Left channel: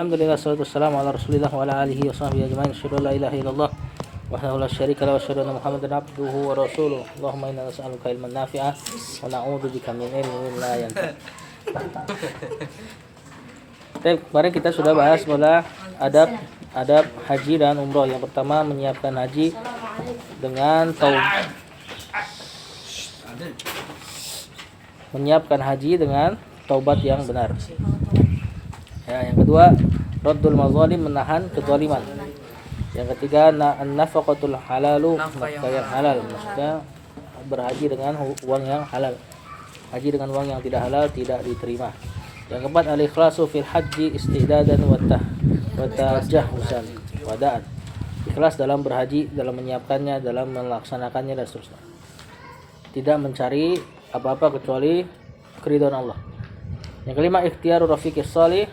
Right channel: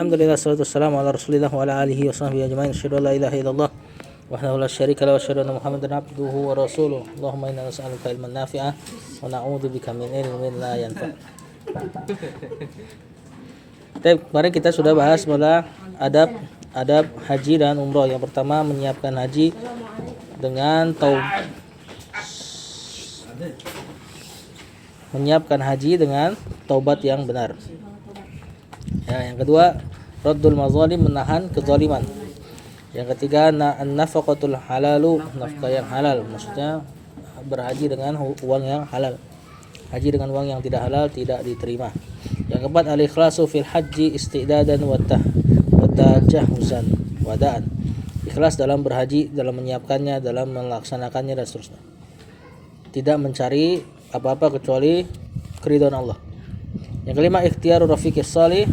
Alhamdulillah, salatu wassalamu ala rasulillah wa ala alihi wa sahbihi ajma'in. Asyhadu an la ilaha illallah wahdahu la syarika lahu wa asyhadu anna Muhammadan abduhu wa rasuluh. Allahumma inna nas'aluka ilman nafi'ah wa na'udzubika min ilmin la yanfa'. Kemarin kita sudah bahas mula adab haji dan umroh. Yang pertama, menyiapkan haji dengan taubat yang benar. Ya, yang kedua, raddul mazalim, menahan kezaliman. Yang ketiga, an-nafaqatul halalu, nafkah yang halal, maksudnya berhaji dengan uang yang halal. Haji dengan uang yang tidak halal tidak diterima. Yang keempat, al-ikhlasu fil haji istidadan wa tajahuzan wa da'at. Ikhlas dalam berhaji, dalam menyiapkannya, dalam melaksanakannya dan seterusnya. Tidak mencari apa-apa kecuali keridhaan Allah. Yang kelima, ikhtiaru rafiqis salih,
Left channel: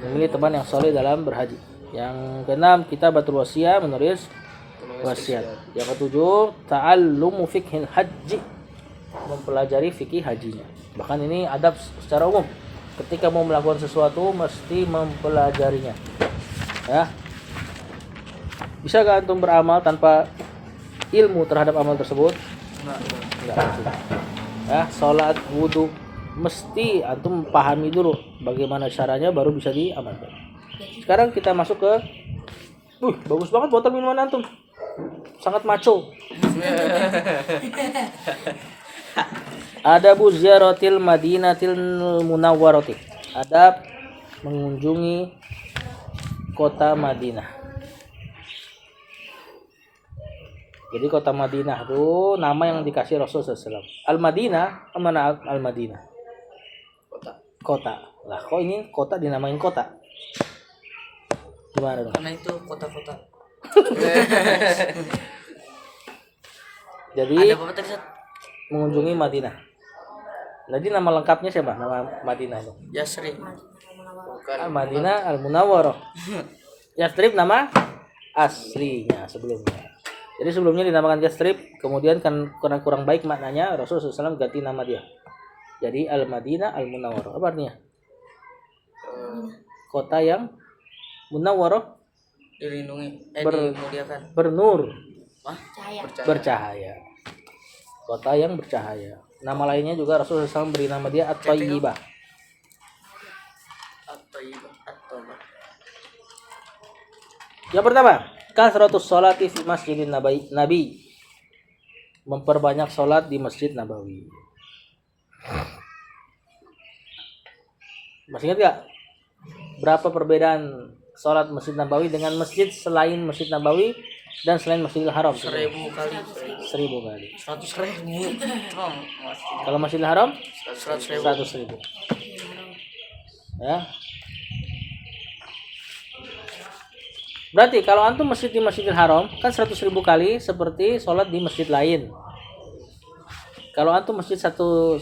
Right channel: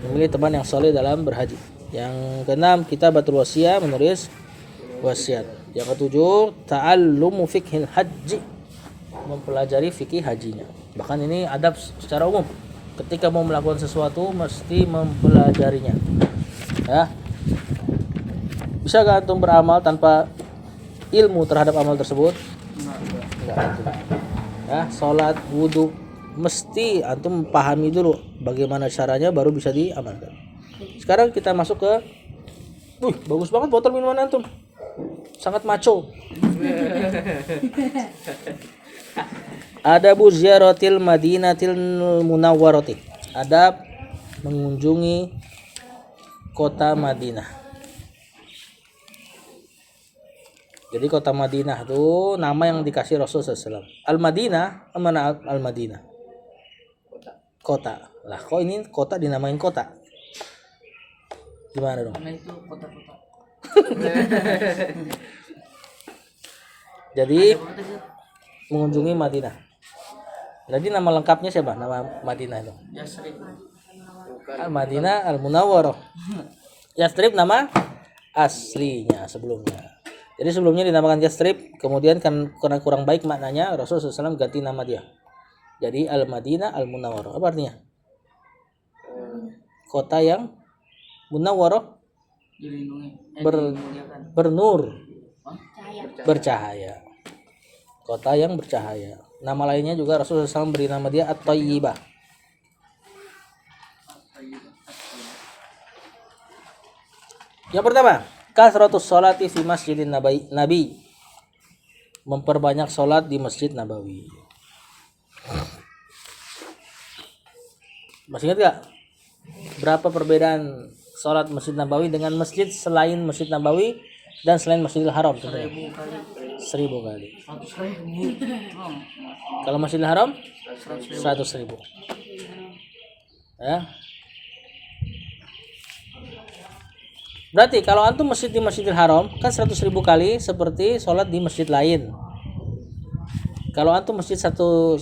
memilih teman yang saleh dalam berhaji. Yang keenam, kitabatul wasiyah, menulis wasiat. Yang ketujuh, ta'allumu fiqhil haji, mempelajari fikih hajinya. Bahkan ini adab secara umum. Ketika mau melakukan sesuatu mesti mempelajarinya. Ya. Bisa gak antum beramal tanpa ilmu terhadap amal tersebut? Enggak. Ya, salat, wudu, mesti antum pahami dulu bagaimana caranya baru bisa diamalkan. Sekarang kita masuk ke bagus banget botol minuman antum. Sangat maco. Adabu ziyaratil Madinatil Munawwarati. Adab mengunjungi kota Madinah. Jadi kota Madinah itu nama yang dikasih Rasulullah SAW. Al-Madinah, mana Al-Madinah? Kota. Lah kok ini kota dinamain kota? Gimana dong? Karena itu kota-kota. Jadi mengunjungi Madinah. Jadi nama lengkapnya siapa? Nama Madinah itu? Yasrib. Al-Madinah Al-Munawwarah. Yasrib nama aslinya sebelumnya. Jadi sebelumnya dinamakan Yasrib, kemudian karena kurang baik maknanya Rasulullah SAW ganti nama dia. Jadi Al-Madinah Al-Munawwarah. Apa artinya? Kota yang munawwarah, Dilindungi, dimuliakan. Bernur. Cahaya. Bercahaya. Kota yang bercahaya. Nama lainnya juga Rasulullah SAW beri nama dia At-Tayyibah. Yang pertama, kasratus sholati fi masjidin Nabi. Memperbanyak sholat di Masjid Nabawi. Masih ingat gak? Berapa perbedaan sholat Masjid Nabawi dengan masjid selain Masjid Nabawi dan selain Masjidil Haram? 1000 kali. 1000 kali. 100.000. Kalau Masjidil Haram? 100.000. 100.000. Ya. Berarti kalau antum masjid di Masjidil Haram kan 100.000 kali seperti sholat di masjid lain. Kalau antum masjid satu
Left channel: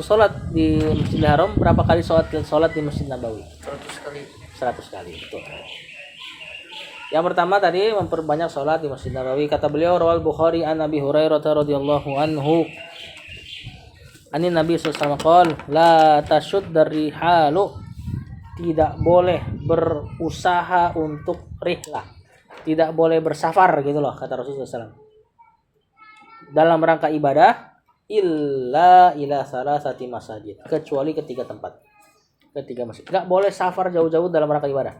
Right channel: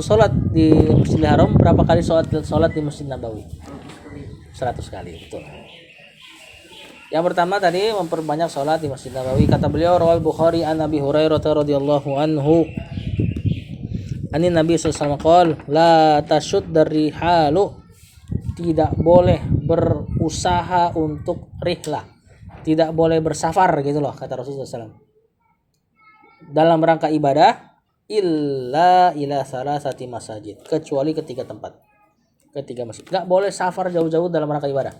sholat di Masjidil Haram, berapa kali sholat di Masjid Nabawi? 100 kali. 100 kali, betul. Yang pertama tadi memperbanyak sholat di Masjid Nabawi. Kata beliau, rawal Bukhari an Abi Hurairah radhiyallahu anhu. Ani Nabi sallallahu alaihi wasallam la tashuddar rihalu, tidak boleh berusaha untuk rihlah, tidak boleh bersafar gitu loh kata Rasulullah SAW, dalam rangka ibadah illa ila salasati masajid, kecuali ketiga masjid. Gak boleh safar jauh-jauh dalam rangka ibadah.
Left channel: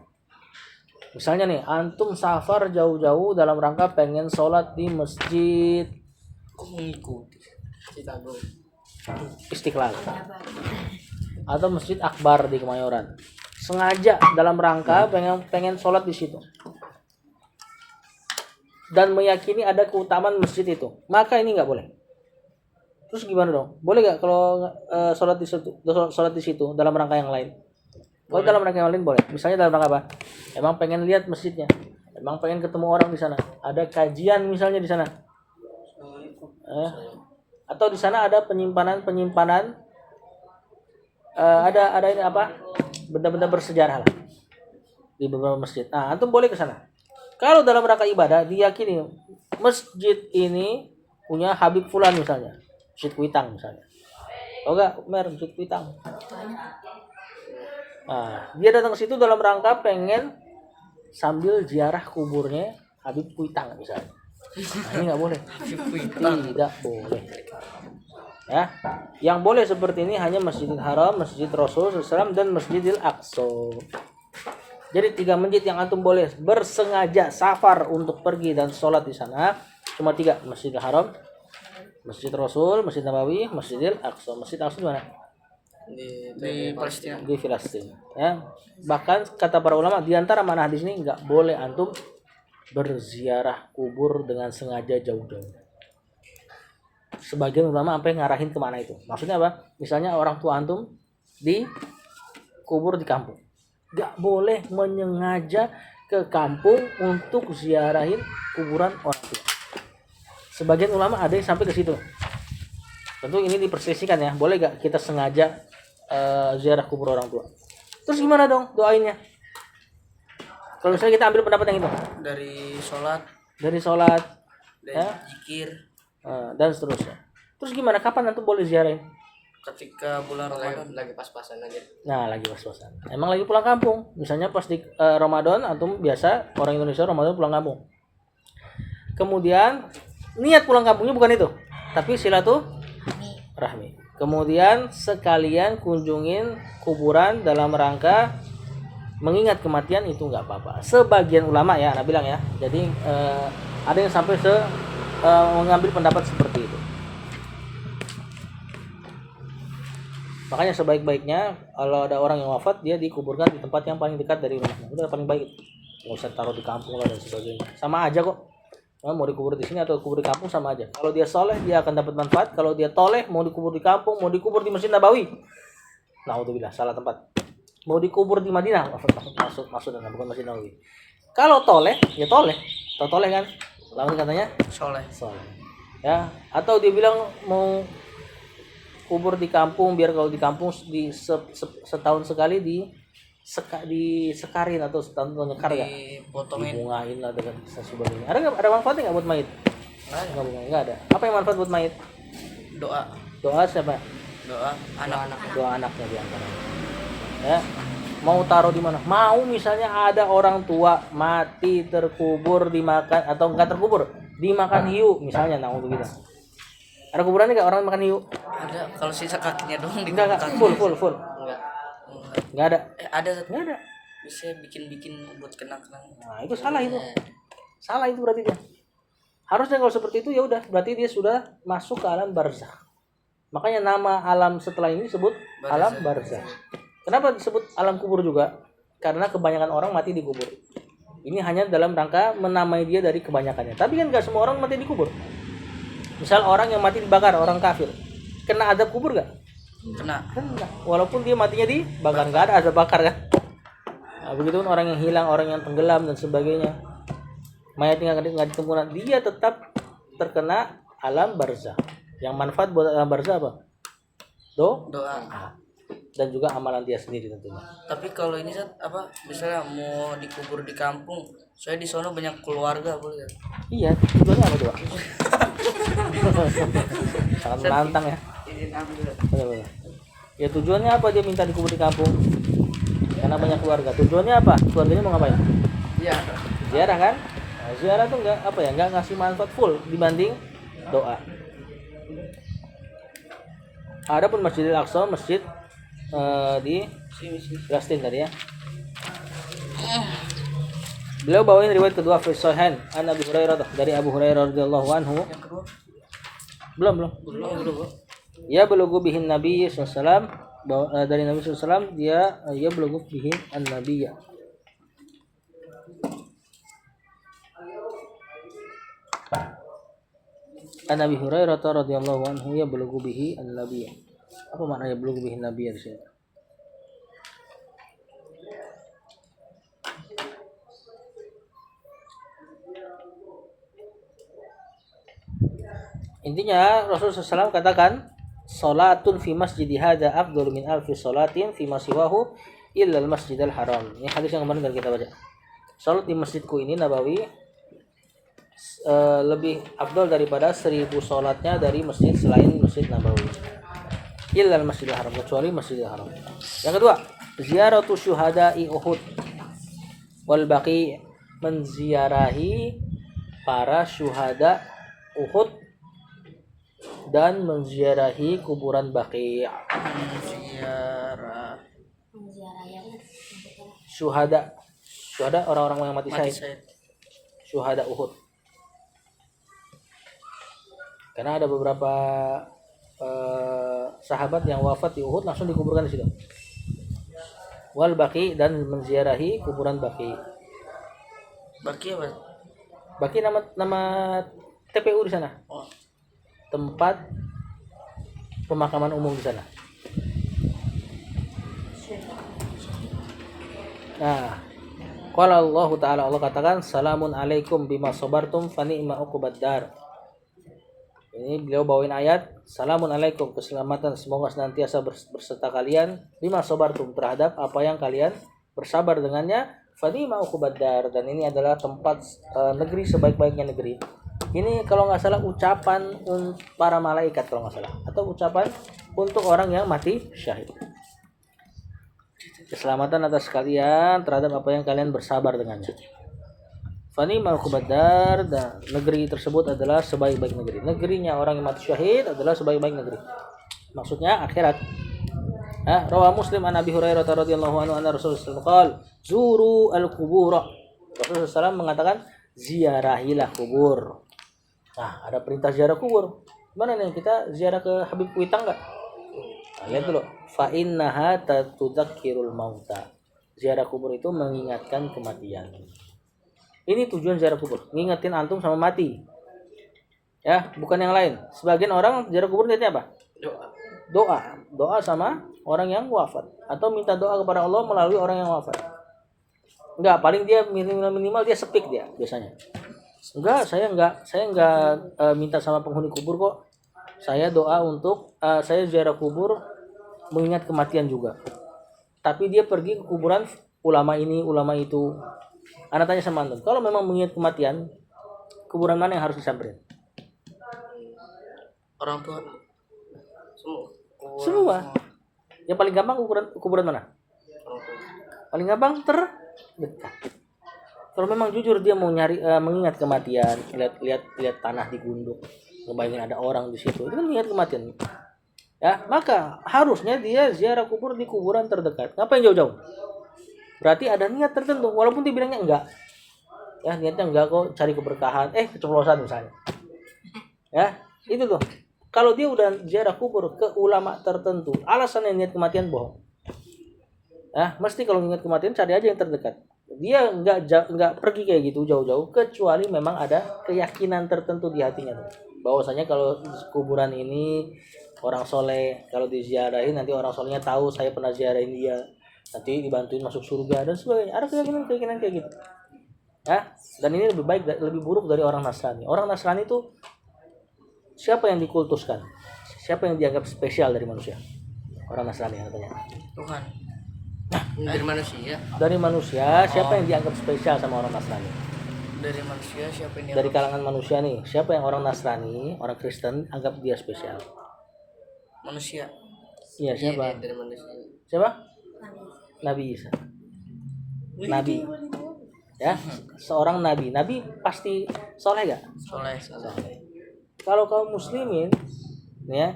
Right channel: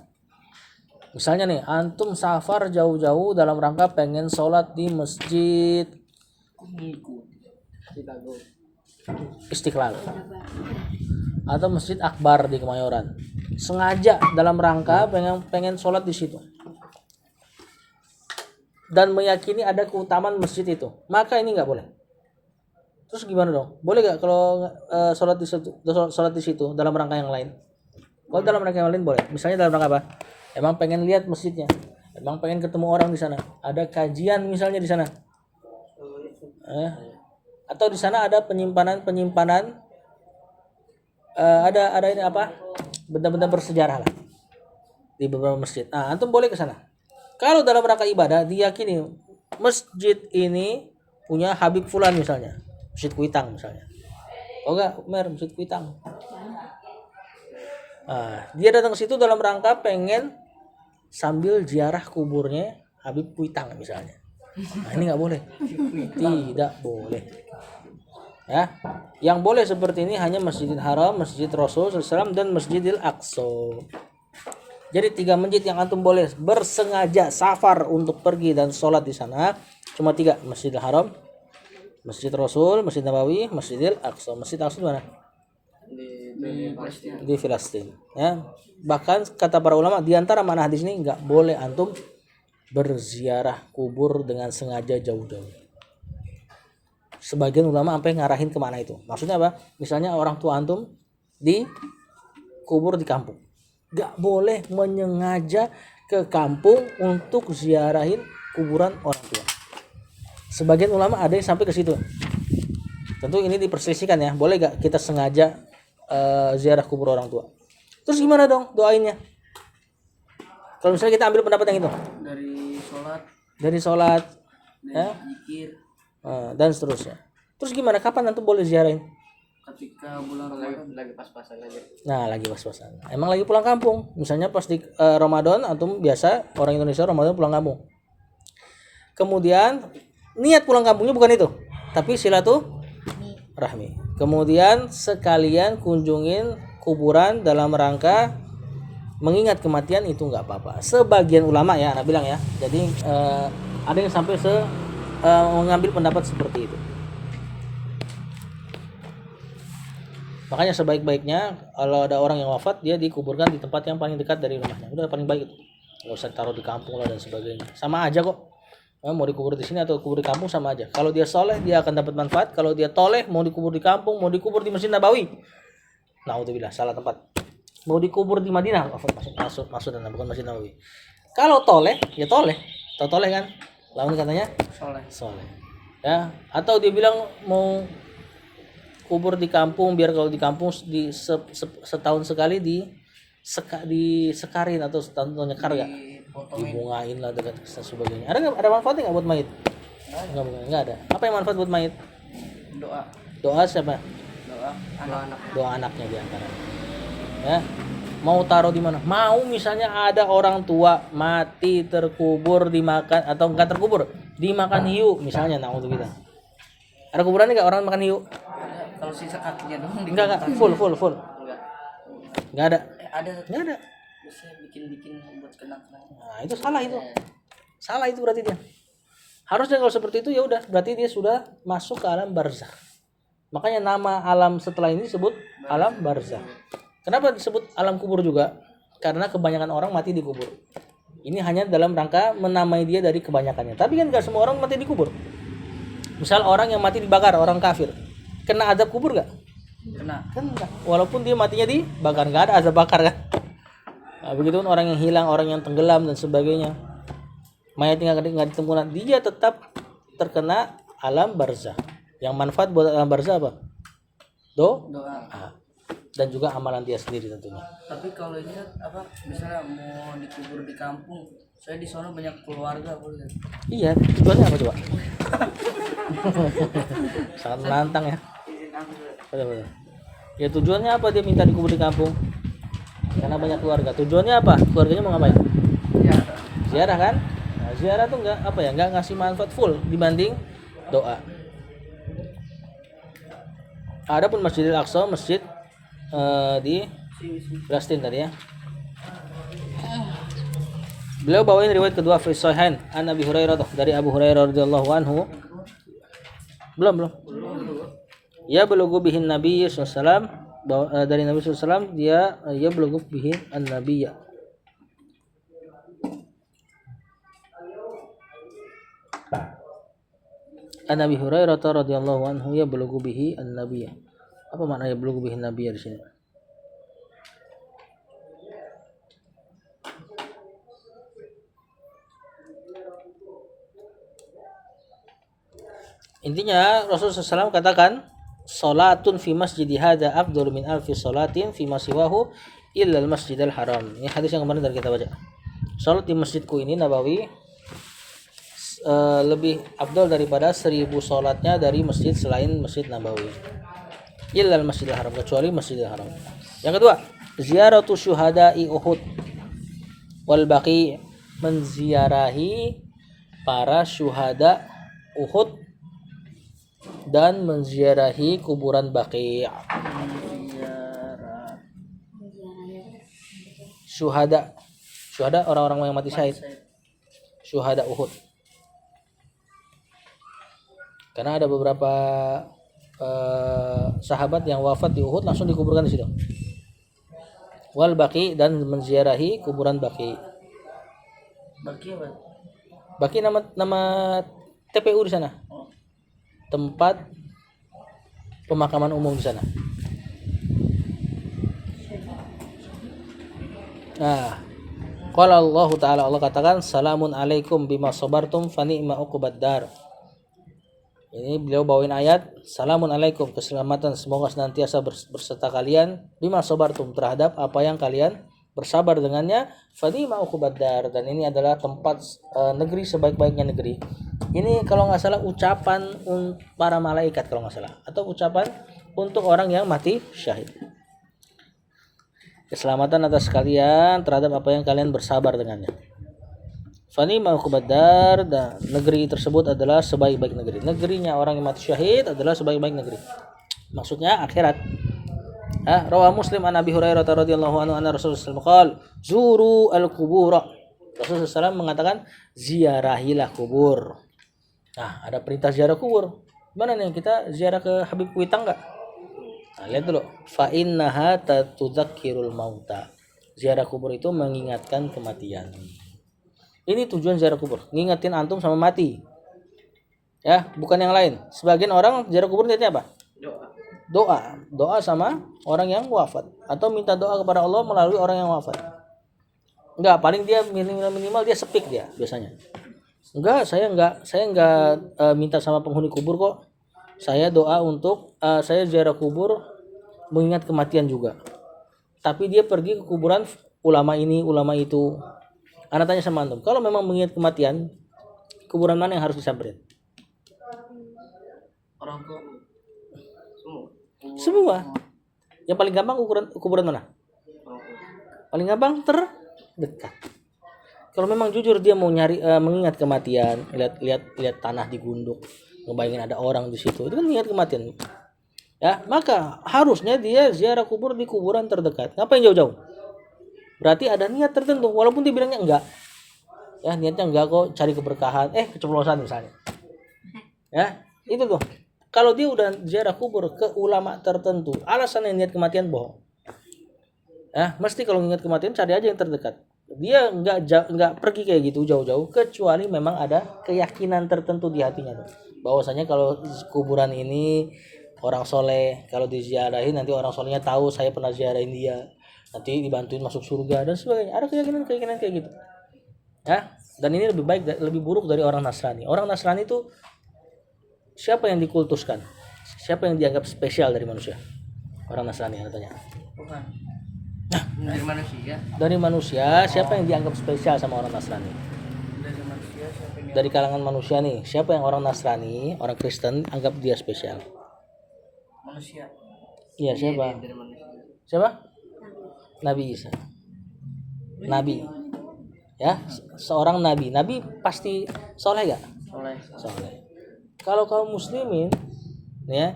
Misalnya nih, antum safar jauh-jauh dalam rangka pengen sholat di masjid Istiqlal atau Masjid Akbar di Kemayoran, sengaja dalam rangka pengen sholat di situ dan meyakini ada keutamaan masjid itu, maka ini nggak boleh. Terus gimana dong? Boleh nggak kalau sholat di situ dalam rangka yang lain? Kalau dalam rangka yang lain boleh. Misalnya dalam rangka apa? Emang pengen lihat masjidnya, emang pengen ketemu orang di sana, ada kajian misalnya di sana, atau di sana ada penyimpanan ada ini apa, benda-benda bersejarah lah di beberapa masjid. Nah, antum boleh ke sana. Kalau dalam rangka ibadah diyakini masjid ini punya Habib Fulan misalnya, Masjid Kuitang misalnya. Oh enggak, Masjid Kuitang. Nah, dia datang ke situ dalam rangka pengen sambil ziarah kuburnya Habib Kuitang misalnya. Nah, ini nggak boleh. Tidak boleh. Ya, yang boleh seperti ini hanya Masjidil Haram, Masjid Rasul SAW, dan Masjidil Aqsa. Jadi 3 masjid yang antum boleh bersengaja safar untuk pergi dan sholat di sana cuma 3: Masjidil Haram, Masjid Rasul, Masjid Nabawi, Masjidil Aqsa. Masjid Aqsa di mana? Di Palestina. Di Filistin. Ya, bahkan kata para ulama di antara mana hadis ini nggak boleh antum berziarah kubur dengan sengaja jauh-jauh. Sebagian ulama sampai ngarahin kemana itu. Maksudnya apa? Misalnya orang tua antum dikubur di kampung, gak boleh menyengaja ke kampung untuk ziarahin kuburan orang tua. Sebagian ulama ada yang sampai ke situ. Tentu ini diperselisihkan ya. Boleh gak kita sengaja ziarah kubur orang tua? Terus gimana dong doainnya? Kalau misalnya kita ambil pendapat yang itu, dari sholat, ya, zikir, dan seterusnya. Terus gimana? Kapan antum boleh ziarahin? ketika bulan Ramadan lagi pas-pasan aja. Nah, lagi pas-pasan. Emang lagi pulang kampung. Misalnya pas di Ramadan, antum biasa orang Indonesia Ramadan pulang kampung. Kemudian niat pulang kampungnya bukan itu, tapi silaturahmi. Kemudian sekalian kunjungin kuburan dalam rangka mengingat kematian, itu nggak apa-apa. Sebagian ulama ya, anak bilang ya. Jadi ada yang sampai mengambil pendapat seperti itu. Makanya sebaik-baiknya kalau ada orang yang wafat, dia dikuburkan di tempat yang paling dekat dari rumahnya. Udah paling baik. Nggak usah taruh di kampung lah dan sebagainya. Sama aja kok. Mau dikubur di sini atau kubur di kampung sama aja. Kalau dia soleh, dia akan dapat manfaat. Kalau dia toleh, mau dikubur di kampung, mau dikubur di Masjid Nabawi, naudzubillah, salah tempat. Mau dikubur di Madinah, maksudnya bukan Masjid Nabawi. Kalau toleh, ya toleh. Tahu toleh kan? Lawan katanya soleh. Ya, atau dia bilang mau kubur di kampung, biar kalau di kampung setahun sekali disekarin atau setahun nyekar ya, dibungain lah dengan sebagainya. Ada manfaatnya nggak buat mayit? Nggak ada. Apa yang manfaat buat mayit? Doa siapa? Doa anaknya di antaranya. Ya, mau taruh di mana? Mau misalnya ada orang tua mati terkubur dimakan, atau enggak terkubur dimakan hiu misalnya, naudzubillah. Ada kuburannya nggak orang makan hiu? Ada, kalau sisa kakinya doang. Enggak, full. Enggak ada. Enggak ada. Bisa bikin buat kenang-kenang. Nah, itu salah itu. Salah itu berarti dia. Harusnya kalau seperti itu ya udah, berarti dia sudah masuk ke alam barzakh. Makanya nama alam setelah ini disebut alam barzakh. Kenapa disebut alam kubur juga? Karena kebanyakan orang mati di kubur. Ini hanya dalam rangka menamai dia dari kebanyakannya. Tapi kan gak semua orang mati di kubur. Misal orang yang mati dibakar, orang kafir, kena azab kubur gak? Kena. Kan enggak. Walaupun dia matinya dibakar, gak ada azab bakar kan? Nah, begitu kan orang yang hilang, orang yang tenggelam dan sebagainya. Mayatnya nggak ditemukan, dia tetap terkena alam barzakh. Yang manfaat buat alam barzakh apa? Doa. Dan juga amalan dia sendiri tentunya. Tapi kalau ini misalnya mau dikubur di kampung, saya di sana banyak keluarga, boleh ya? Iya, tujuannya apa coba? Sangat menantang ya. Betul. Ya tujuannya apa dia minta dikubur di kampung? Karena banyak keluarga. Tujuannya apa? Keluarganya mau ngapain? Ziarah kan? Nah, ziarah tuh nggak ngasih manfaat full dibanding doa. Adapun Masjidil Aqsa, masjid di Palestina tadi ya. Beliau bawain riwayat kedua fi Sahihain an Abi Hurairah, dari Abu Hurairah radhiyallahu anhu. Belum. Ya bulugu bihin Nabi sallallahu alaihi wasallam, dari Nabi sallallahu alaihi wasallam, dia bulugu bihin an-nabiyya. An Abi Hurairah radhiyallahu anhu ya bulugu bihi an-nabiyya. Apa maknanya bulugu bihin nabiyya di sini? Intinya Rasulullah SAW katakan, salatun fi masjid hadza afdalu min alfi salatin fi ma siwahu illa al-masjidil haram. Ini hadis yang kemarin kita baca. Salat di masjidku ini Nabawi lebih afdal daripada 1000 salatnya dari masjid selain Masjid Nabawi. Illa al-masjidil haram, kecuali Masjidil Haram. Yang kedua, Ziyaratu syuhada'i Uhud wal baqi, menziarahi para syuhada Uhud dan menziarahi kuburan Baqi'. Ziarah Syuhada orang-orang yang mati syahid. Syahid. Syuhada Uhud. Karena ada beberapa sahabat yang wafat di Uhud langsung dikuburkan di situ. Wal Baqi, dan menziarahi kuburan Baqi. Baki apa? Baqi nama TPU di sana. Oh, Tempat pemakaman umum di sana. Nah, qala Allah Ta'ala, Allah katakan salamun alaikum bima sabartum fa ni'ma uqbad dar. Ini beliau bawain ayat salamun alaikum, keselamatan semoga senantiasa berserta kalian, bima sabartum, terhadap apa yang kalian bersabar dengannya, fa ni'ma uqbad dar, dan ini adalah tempat negeri sebaik-baiknya negeri. Ini kalau nggak salah ucapan para malaikat kalau nggak salah, atau ucapan untuk orang yang mati syahid. Keselamatan atas kalian terhadap apa yang kalian bersabar dengannya. Fani ma'ukubadar, dan negeri tersebut adalah sebaik-baik negeri. Negerinya orang yang mati syahid adalah sebaik-baik negeri. Maksudnya akhirat. Rawah Muslim an Abi Hurairah radhiyallahu anhu anna Rasulullah sallallahu alaihi wasallam zuru al-qubur. Rasulullah SAW mengatakan ziarahilah kubur. Nah, ada perintah ziarah kubur. Mana nih kita ziarah ke Habib Kuitang enggak? Nah, lihat dulu. Fa innaha tudzakirul mauta. Ziarah kubur itu mengingatkan kematian. Ini tujuan ziarah kubur, ngingetin antum sama mati. Ya, bukan yang lain. Sebagian orang ziarah kubur niatnya apa? Doa sama orang yang wafat, atau minta doa kepada Allah melalui orang yang wafat. Enggak, paling dia minimal dia sepik dia biasanya. Enggak, saya enggak minta sama penghuni kubur kok. Saya doa untuk saya ziarah kubur mengingat kematian juga. Tapi dia pergi ke kuburan ulama ini, ulama itu. Anak tanya sama antum, kalau memang mengingat kematian, kuburan mana yang harus disamperin? orang tua Semua. Yang paling gampang kuburan mana? Paling gampang terdekat. Kalau memang jujur dia mau nyari mengingat kematian, lihat tanah digunduk, ngebayangin ada orang di situ, itu kan mengingat kematian. Ya, maka harusnya dia ziarah kubur di kuburan terdekat. Ngapain jauh-jauh? Berarti ada niat tertentu, walaupun dia bilangnya enggak. Ya, niatnya enggak kok, cari keberkahan, keceplosan misalnya. Ya, itu tuh. Kalau dia udah ziarah kubur ke ulama tertentu, alasannya niat kematian bohong. Ya, mesti kalau ingat kematian cari aja yang terdekat. Dia enggak pergi kayak gitu jauh-jauh, kecuali memang ada keyakinan tertentu di hatinya tuh. Bahwasanya kalau kuburan ini orang soleh, kalau diziarahin nanti orang solehnya tahu saya pernah ziarahin dia, nanti dibantuin masuk surga dan sebagainya. Ada keyakinan kayak gitu. Ya, dan ini lebih baik, lebih buruk dari orang Nasrani. Orang Nasrani itu siapa yang dikultuskan? Siapa yang dianggap spesial dari manusia? Orang Nasrani katanya. Tuhan. Dari manusia. Dari manusia, siapa yang dianggap spesial sama orang Nasrani? Dari manusia siapa yang Dari kalangan manusia nih, siapa yang orang Nasrani, orang Kristen anggap dia spesial? manusia? Iya, siapa? Dari manusia. Siapa? Nabi Isa. Nabi. Ya, seorang nabi. Nabi pasti soleh gak? Soleh. Kalau kaum muslimin, ya,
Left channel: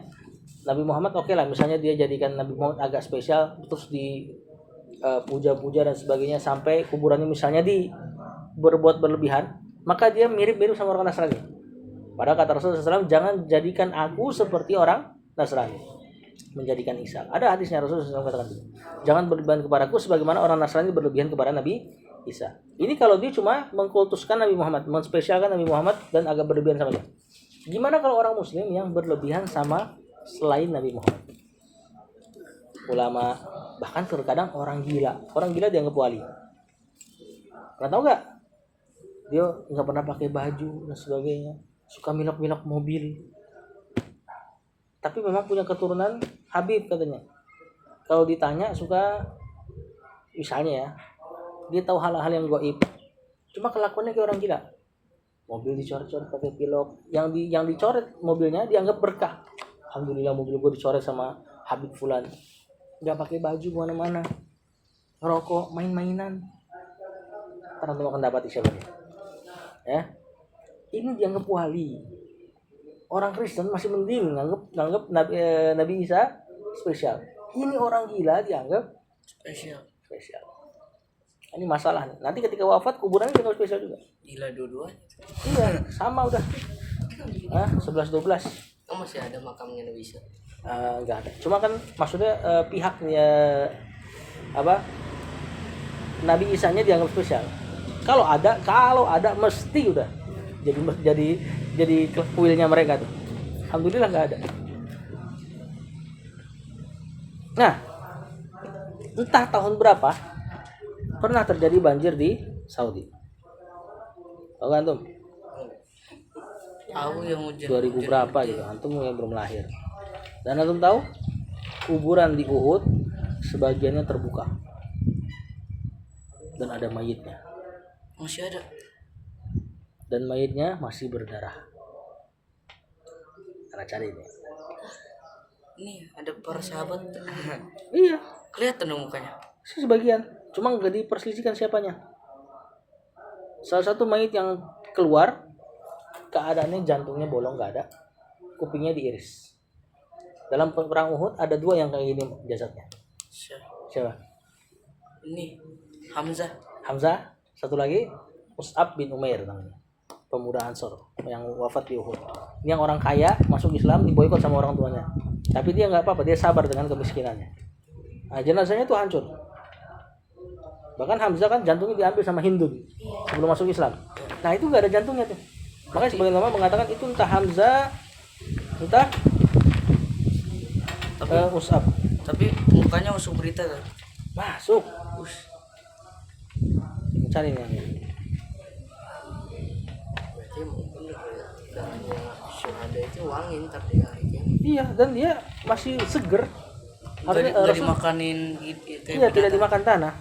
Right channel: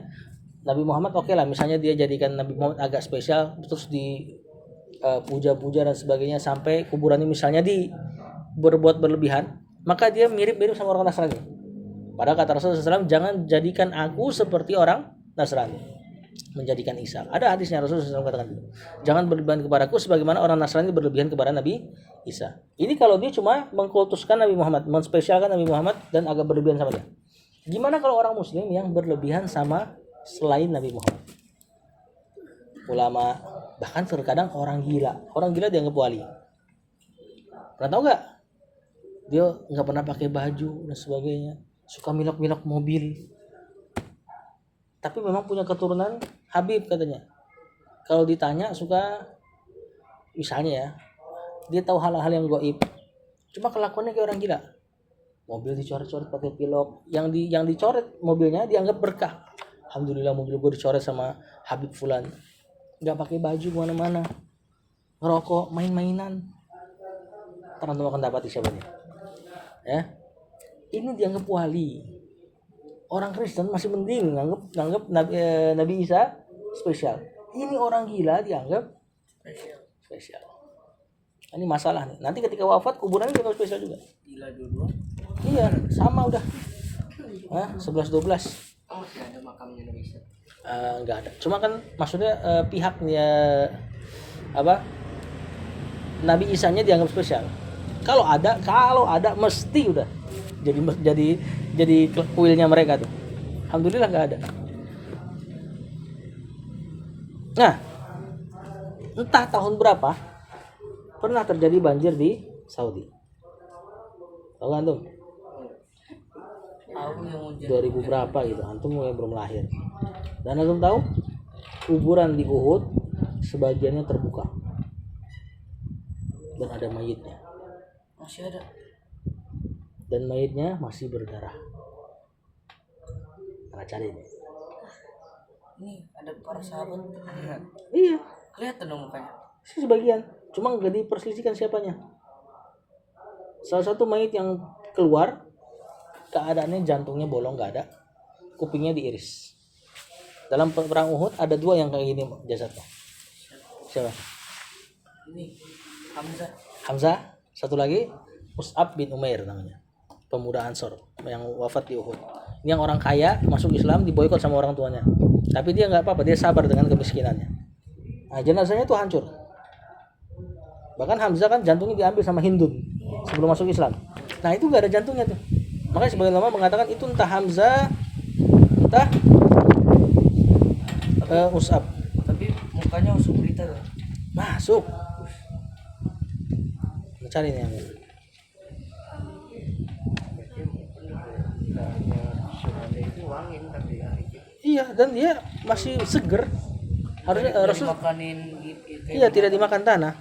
Nabi Muhammad oke lah, misalnya dia jadikan Nabi Muhammad agak spesial, terus di puja-puja dan sebagainya, sampai kuburannya misalnya berbuat berlebihan, maka dia mirip-mirip sama orang Nasrani. Padahal kata Rasulullah SAW, jangan jadikan aku seperti orang Nasrani, menjadikan Isa. Ada hadisnya Rasulullah SAW katakan itu. Jangan berlebihan kepadaku sebagaimana orang Nasrani berlebihan kepada Nabi Isa. Ini kalau dia cuma mengkultuskan Nabi Muhammad, menspesialkan Nabi Muhammad dan agak berlebihan sama dia. Gimana kalau orang Muslim yang berlebihan sama selain Nabi Muhammad? Ulama, bahkan terkadang orang gila dianggap wali. Pernah tahu nggak? Dia nggak pernah pakai baju dan sebagainya, suka milok-milok mobil. Tapi memang punya keturunan Habib katanya. Kalau ditanya suka, misalnya ya, dia tahu hal-hal yang gaib. Cuma kelakuannya kayak orang gila. Mobil dicoret-coret pakai pilok. Yang dicoret mobilnya dianggap berkah. Alhamdulillah mobil gue dicoret sama Habib Fulan. Nggak pakai baju kemana-mana. ngerokok, main-mainan. Ntar antum akan dapati siapa dia. Ya. Ini dianggap wali. Orang Kristen masih mending nganggap Nabi Isa spesial. Ini orang gila dianggap spesial. Ini masalah nih. Nanti ketika wafat kuburannya juga spesial juga. Gila dua-duanya. Iya, sama udah. 11-12. Oh, masih ada makamnya Nabi Isa. Enggak ada. Cuma kan maksudnya pihaknya Nabi Isa-nya dianggap spesial. Kalau ada mesti udah jadi kuilnya mereka tuh. Alhamdulillah nggak ada. Nah, entah tahun berapa pernah terjadi banjir di Saudi. Tahu kan antum? Tahu yang 2000 berapa gitu. Antum yang belum lahir. Dan antum tahu kuburan di Uhud sebagiannya terbuka. Dan ada mayitnya. Masih ada. Dan mayitnya masih berdarah. Karena cari ini. Ini ada para sahabat. Iya. Kelihatan dong mukanya. Sebagian. Cuma nggak diperselisihkan siapanya. Salah satu mayit yang keluar keadaannya jantungnya bolong nggak ada, kupingnya diiris. Dalam perang Uhud ada 2 yang kayak gini jasadnya. Siapa? Ini Hamzah. Hamzah. Satu lagi Mus'ab bin Umair namanya, pemuda Ansor yang wafat di Uhud. Ini yang orang kaya masuk Islam diboikot sama orang tuanya, tapi dia nggak apa-apa, dia sabar dengan kemiskinannya. Nah, jenazahnya tuh hancur. Bahkan Hamzah kan jantungnya diambil sama Hindun sebelum masuk Islam. Nah itu nggak ada jantungnya tuh. Makanya sebagian ulama mengatakan itu entah Hamzah, entah Mus'ab. Tapi mukanya masuk berita tuh. Masuk. Mencari nih yang ini. Syuhada itu wangi ntar dia. Iya, dan dia masih seger. Harusnya Rasul dimakanin iya tidak dimakan tanah.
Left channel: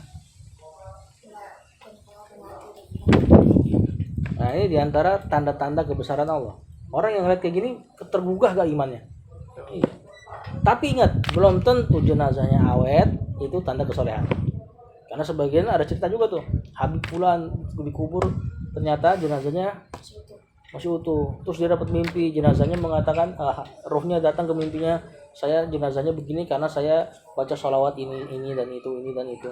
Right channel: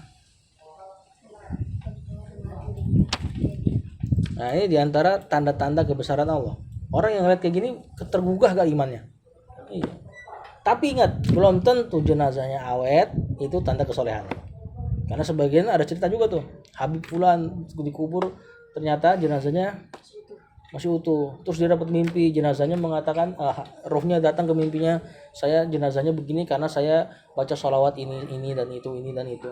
Nah ini diantara tanda-tanda kebesaran Allah. Orang yang ngeliat kayak gini tergugah gak imannya? Iya. Tapi ingat, belum tentu jenazahnya awet itu tanda kesolehan. Karena sebagian ada cerita juga tuh, Habib Fulan dikubur ternyata jenazahnya masih utuh. Terus dia dapat mimpi, jenazahnya mengatakan rohnya datang ke mimpinya, saya jenazahnya begini karena saya baca sholawat ini dan itu.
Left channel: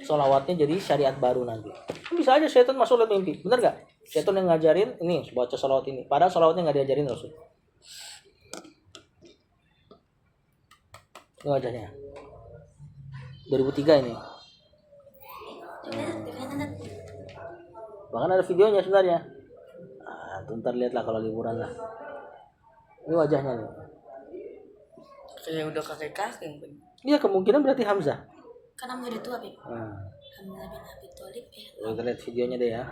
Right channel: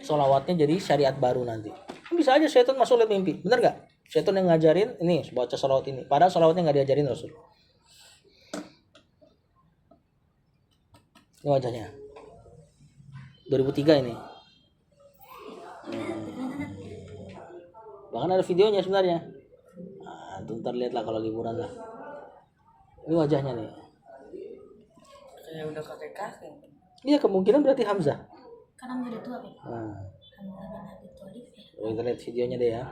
Sholawatnya jadi syariat baru nanti. Bisa aja setan masuk lewat mimpi, bener gak? Setan yang ngajarin ini baca sholawat ini, padahal sholawatnya nggak diajarin Rasul. Ini wajahnya 2003 ini. Bahkan ada videonya sebenarnya. Nah, ntar lihatlah kalau liburan lah. Ini wajahnya nih. Kayak udah kakek-kakek. Iya, kemungkinan berarti Hamzah. Karena udah tua, Beb. Nah. Hamzah bin Abi Thalib Kita lihat videonya deh ya.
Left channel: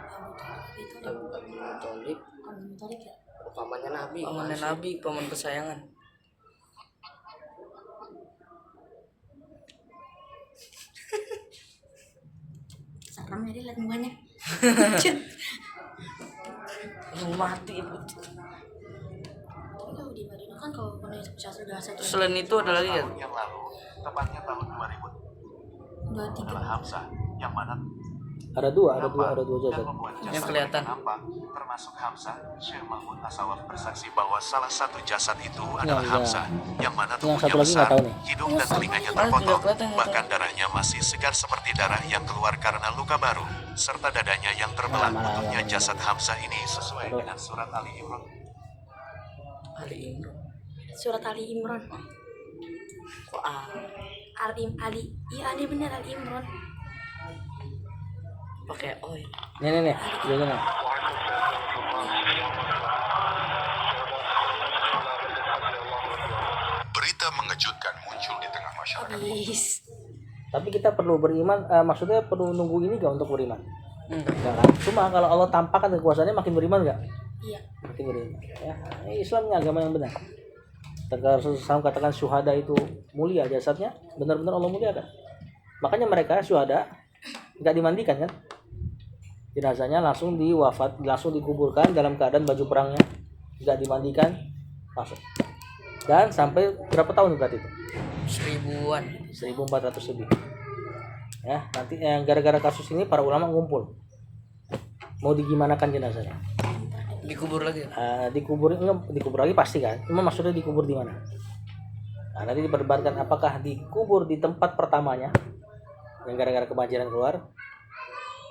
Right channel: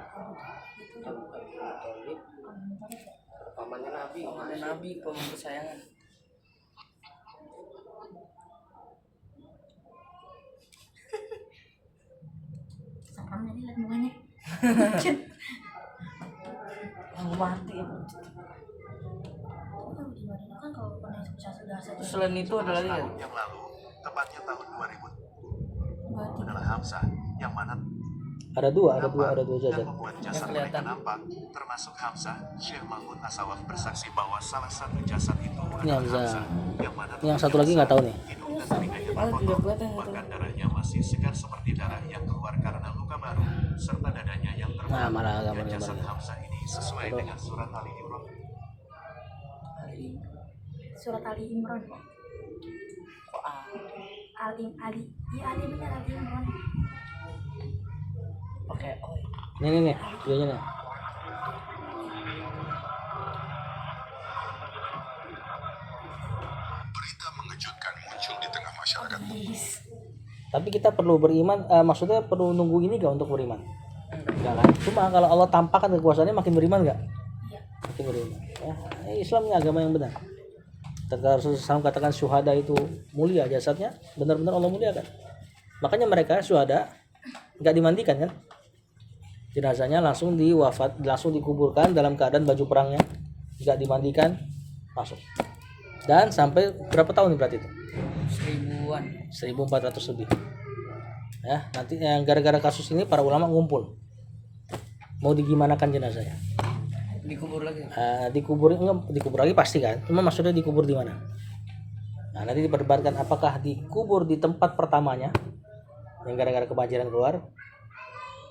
Pamannya Nabi, paman kesayangan. Serem ya dia lihat mukanya. Mati ya. Kalau di Madinah kan kalau sudah satu. Selain itu ada lagi ya? Yang lalu, tepatnya tahun 2000, 2 3 adalah Hamzah, yang mana Ada dua jasad. membuat Yang jasad kelihatan. nampak, termasuk Hamzah. Syekh Mahmud Asawaf bersaksi bahwa salah satu jasad itu Yang adalah enggak. Hamzah, yang mana Yang tubuhnya satu lagi nggak besar, tahu nih. hidung dan telinganya terpotong, bahkan darahnya masih segar seperti darah yang keluar karena luka baru, serta dadanya yang terbelah. Mana. Bentuknya jasad Hamzah ini sesuai dengan surat Ali Imran. Surat Ali Imran. Kok Ali. Iya, Ali benar Ali Imran. pakai oi. Nih. Videonya nih. Berita mengejutkan muncul di tengah masyarakat. Is. Tapi kita perlu beriman, maksudnya perlu nunggu ini gak untuk beriman? Enggak kan? Cuma kalau Allah tampakkan kekuasaannya makin beriman gak? Iya. Makin beriman. Ya, Islam ini agama yang benar. Ketika Rasulullah SAW katakan syuhada itu mulia jasadnya, benar-benar Allah muliakan. Makanya mereka syuhada nggak dimandikan kan? Jenazahnya langsung dikuburkan dalam keadaan baju perangnya, nggak dimandikan, langsung. Dan sampai berapa tahun berarti itu? 1000-an. 1400 lebih. Nah Ya, nanti yang gara-gara kasus ini para ulama ngumpul. Mau digimanakan jenazahnya? Dikubur lagi. Dikubur enggak, dikubur lagi pasti kan. Cuma maksudnya dikubur di mana? Nah, nanti diperdebatkan apakah dikubur di tempat pertamanya yang gara-gara kebanjiran keluar,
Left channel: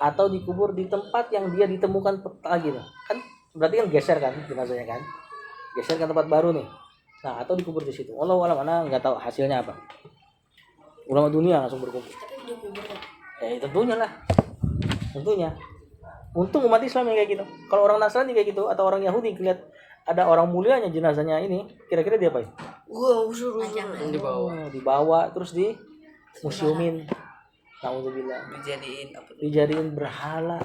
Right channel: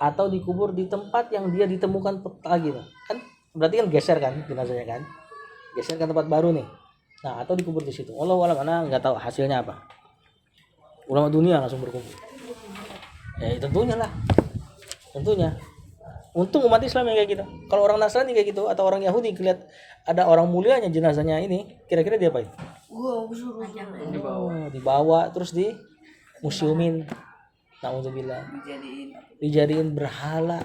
atau dikubur di tempat yang dia ditemukan lagi tuh. Kan berarti kan geser kan jenazahnya kan? Geser ke tempat baru nih. Nah, atau dikubur di situ. Wallahu a'lam, ana enggak tahu hasilnya apa. Ulama dunia langsung berkumpul. Tentunya lah. Tentunya. Untung umat Islam yang kayak gitu. Kalau orang Nasrani kayak gitu atau orang Yahudi lihat ada orang mulianya jenazahnya ini, kira-kira dia apain? Wow, suruh Dibawa terus di museumin. Nauzubillah. Dijadiin berhala.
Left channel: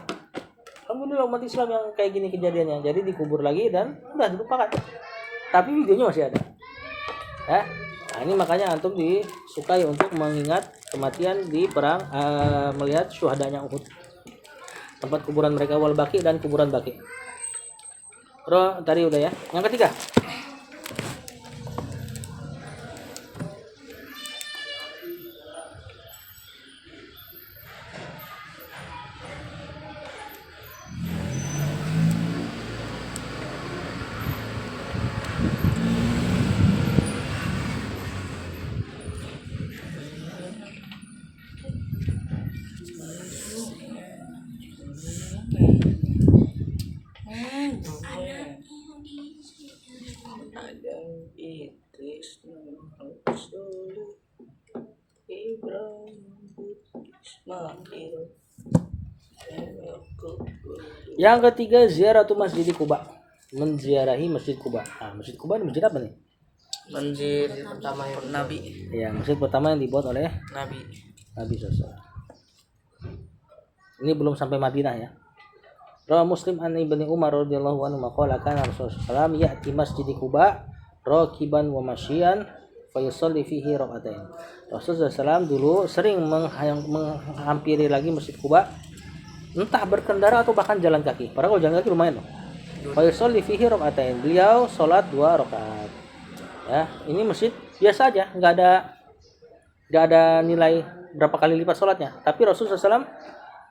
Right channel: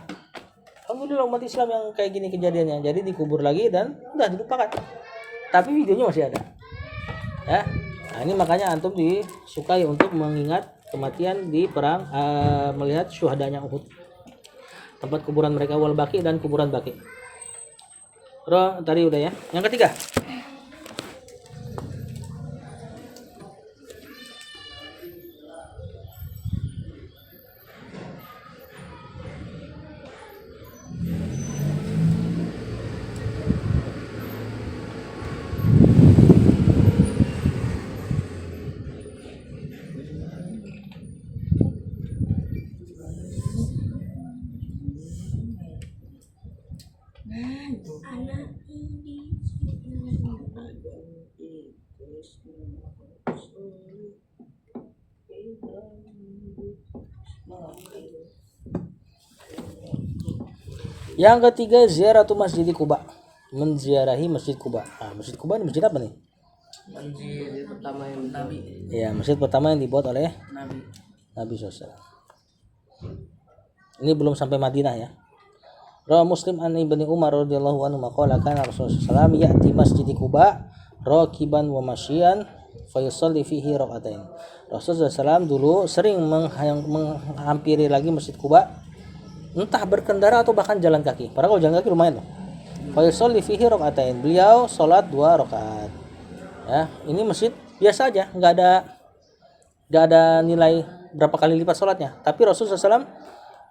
Alhamdulillah umat Islam yang kayak gini kejadiannya. Jadi dikubur lagi dan udah dilupakan. Tapi videonya masih ada. Ya. Nah, ini makanya antum disukai untuk mengingat kematian di perang, melihat syuhadanya Uhud. Tempat kuburan mereka wal baqi dan kuburan baqi. Tadi udah ya. Yang ketiga. Yang ketiga, ziaratu Masjid Quba. Menziarahi Masjid Quba. Nah, Masjid Quba ini masjid apa nih? Masjid pertama yang Nabi. Ya, masjid pertama yang dibuat oleh Nabi SAW. Ini belum sampai Madinah ya. Rawi Muslim an Ibnu Umar radhiyallahu anhu maqala kana Rasulullah sallallahu ya'ti Masjid Quba raqiban wa masyian fa yusalli fihi rak'atain. Rasulullah SAW dulu sering menghampiri lagi Masjid Quba, entah berkendara atau bahkan jalan kaki. Padahal kalau jalan kaki lumayan loh. Fa yusalli fihi rak'atain. Beliau salat 2 rakaat. Ya, ini masjid biasa aja, enggak ada nilai berapa kali lipat salatnya. Tapi Rasulullah SAW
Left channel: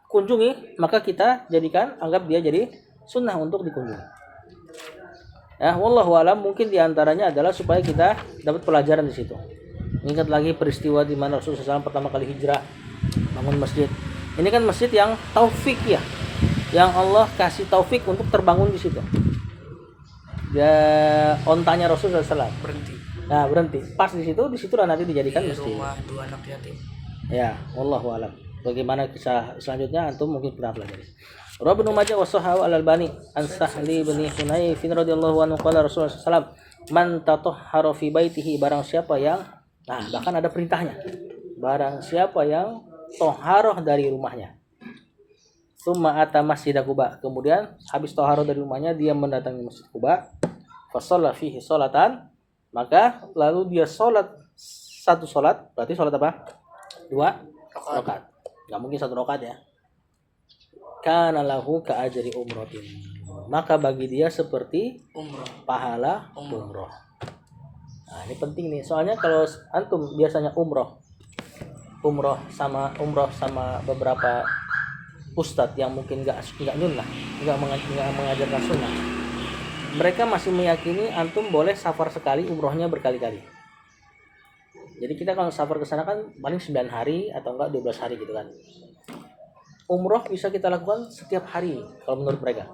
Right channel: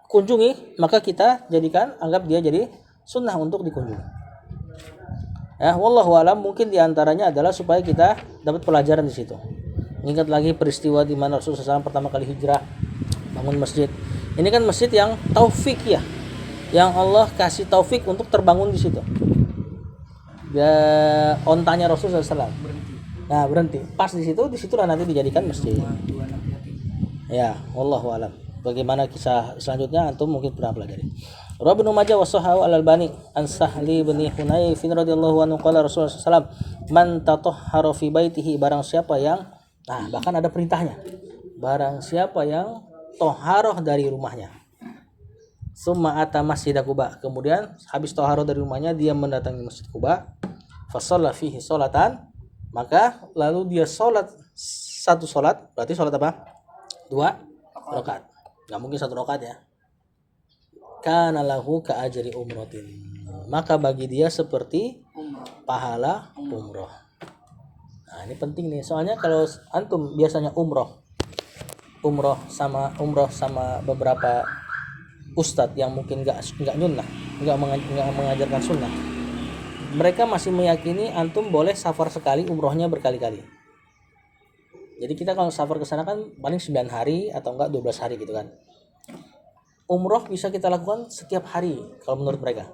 kunjungi, maka kita anggap dia jadi sunnah untuk dikunjungi. Ya, wallahu alam, mungkin diantaranya adalah supaya kita dapat pelajaran di situ. Ingat lagi peristiwa di mana Rasulullah SAW pertama kali hijrah bangun masjid. Ini kan masjid yang taufik ya, yang Allah kasih taufik untuk terbangun di situ. Ya, ontanya Rasulullah SAW berhenti. Pas di situlah nanti dijadikan masjid. Rumah 2 anak yatim. Ya, wallahu alam. Bagaimana kisah selanjutnya antum mungkin pernah pelajari. Rawi Ibnu Majah wa Sahahu Al-Albani an Sahli bin Hunayf radhiyallahu anhu qala Rasulullah sallallahu man tatahhara fi baitihi, barang siapa yang bahkan ada perintahnya. Barang siapa yang toharoh dari rumahnya. Summa ata Masjid Quba, kemudian habis toharoh dari rumahnya dia mendatangi Masjid Quba, fa shalla fihi sholatan, maka lalu dia sholat satu sholat, berarti sholat apa? 2 rakaat. Gak mungkin 1 rakaat ya. Kana lahu ka ajri umratin, maka bagi dia seperti pahala umroh. Nah, ini penting nih, soalnya kalau antum biasanya umroh sama beberapa ustadz yang mungkin nggak nyunnah, nggak mengajarkan sunnah, mereka masih meyakini antum boleh safar sekali, umrohnya berkali-kali. Jadi kita kalau safar ke sana kan paling 9 hari atau enggak 12 hari gitu kan. Umroh bisa kita lakukan setiap hari kalau menurut mereka.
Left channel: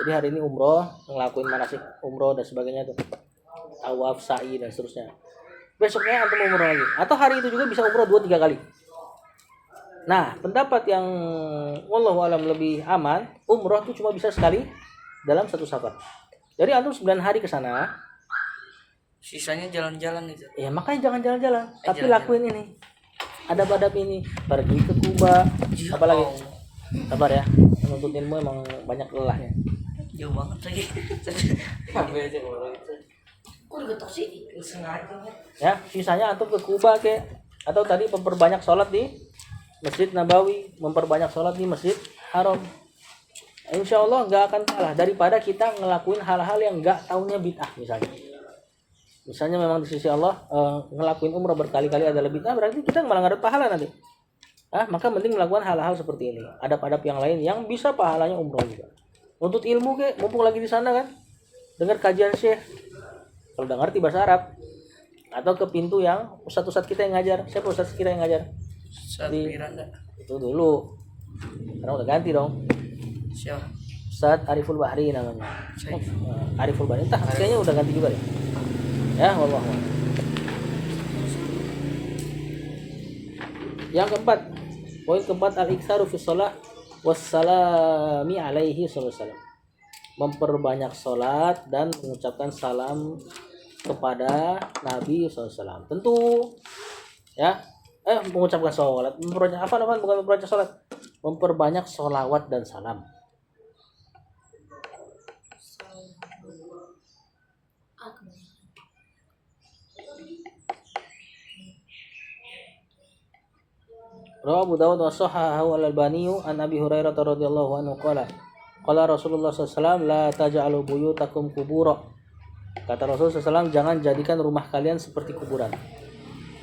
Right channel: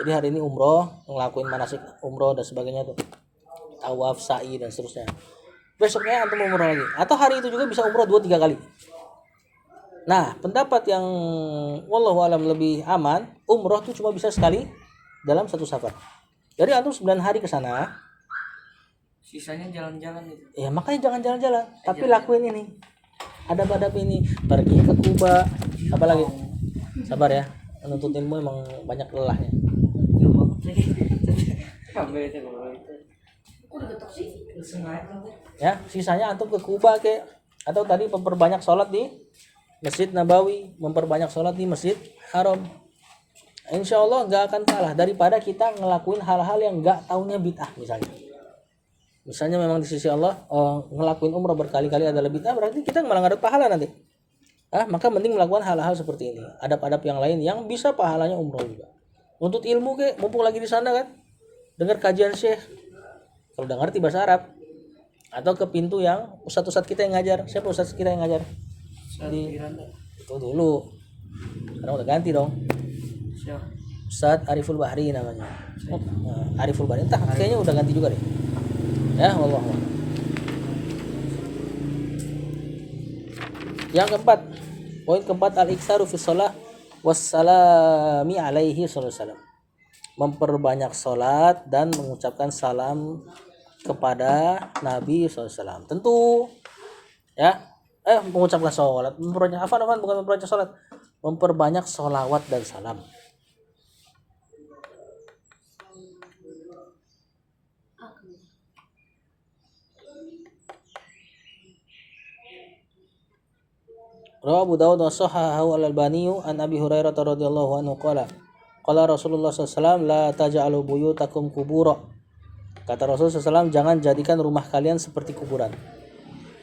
Jadi hari ini umroh, ngelakuin manasik umroh dan sebagainya tuh. Tawaf, sa'i dan seterusnya. Besoknya antum umroh lagi. Atau hari itu juga bisa umroh 2-3 kali. Nah, pendapat yang wallahu alam lebih aman, umroh tuh cuma bisa sekali dalam satu safar. Jadi antum 9 hari ke sana, sisanya jalan-jalan itu. Ya makanya jangan jalan-jalan, tapi lakuin ini. Adab-adab ini, pergi ke Kuba, apa lagi? Sabar ya, menuntut ilmu emang banyak lelahnya. Jauh banget lagi. Ya, sisanya antum ke Kuba atau tadi memperbanyak sholat di Masjid Nabawi, memperbanyak sholat di Masjid Haram. Insya Allah nggak akan kalah daripada kita ngelakuin hal-hal yang nggak taunya bid'ah misalnya. Misalnya memang di sisi Allah ngelakuin umrah berkali-kali adalah bid'ah, berarti kita malah nggak ada pahala nanti. maka mending melakukan hal-hal seperti ini. Adab-adab yang lain yang bisa pahalanya umroh juga. Untuk ilmu mumpung lagi di sana kan, dengar kajian syekh. Kalau udah ngerti bahasa Arab, atau ke pintu yang ustadz kita yang ngajar. Siapa ustadz kita yang ngajar? Di itu dulu. Sekarang udah ganti dong. Siapa? Ustadz Ariful Bahri namanya. Ariful Bahri. Entah kayaknya udah ganti juga deh. Ya, wallah. Yang keempat, poin keempat, al-iktsaru fi shalah wassalami alaihi sallallahu alaihi wasallam. Memperbanyak salat dan mengucapkan salam kepada Nabi SAW. Tentu ya, mengucapkan salat, memperbanyak apa namanya, bukan memperbanyak salat, memperbanyak solawat dan salam. Rawahu Abu Dawud wa sahahahu al-Albani an Abi Hurairah radhiyallahu anhu qala Rasulullah SAW la taj'alu buyutakum kubura. Kata Rasul SAW, jangan jadikan rumah kalian seperti kuburan.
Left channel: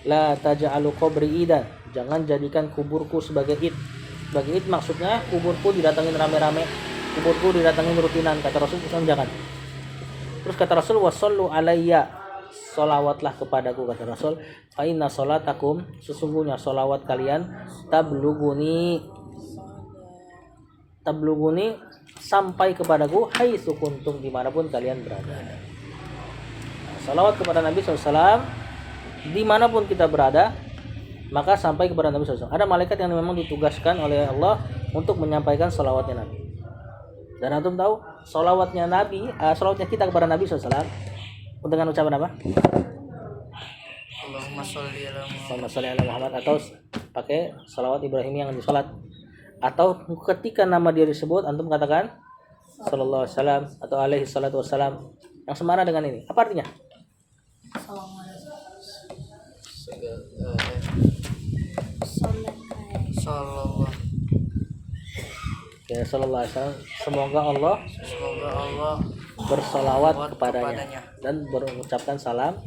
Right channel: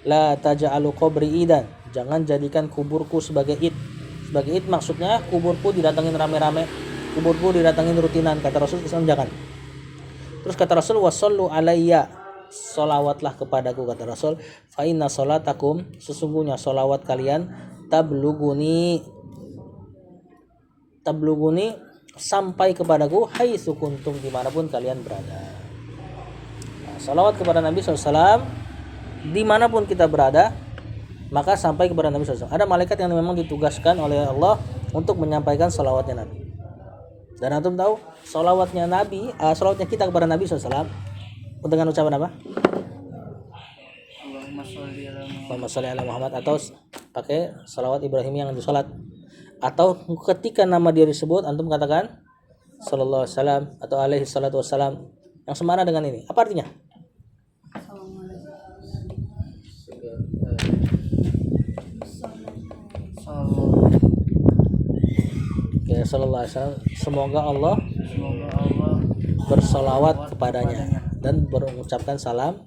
La taj'alu qabri idan, jangan jadikan kuburku sebagai id. Sebagai id maksudnya kuburku didatangin rame-rame, kuburku didatangin rutinan. Kata Rasul SAW jangan. Terus kata Rasul, wasallu alayya, solawatlah kepadaku. Kata Rasul, fa inna solatakum, sesungguhnya solawat kalian, tabluguni sampai kepadaku, haitsu kuntum, dimanapun kalian berada. Nah, salawat kepada Nabi SAW dimanapun kita berada, maka sampai kepada Nabi SAW. Ada malaikat yang memang ditugaskan oleh Allah untuk menyampaikan salawatnya Nabi. Dan antum tahu salawatnya Nabi, salawatnya kita kepada Nabi SAW dengan ucapan apa? Allahumma sholli ala Muhammad, atau pakai salawat Ibrahim yang di salat. Atau ketika nama dia disebut antum katakan sallallahu alaihi wasallam atau alaihi salatu wassalam, yang semana dengan ini. Apa artinya? Ya, sallallahu alaihi wasallam, semoga Allah bersolawat kepadanya dan berucapkan salam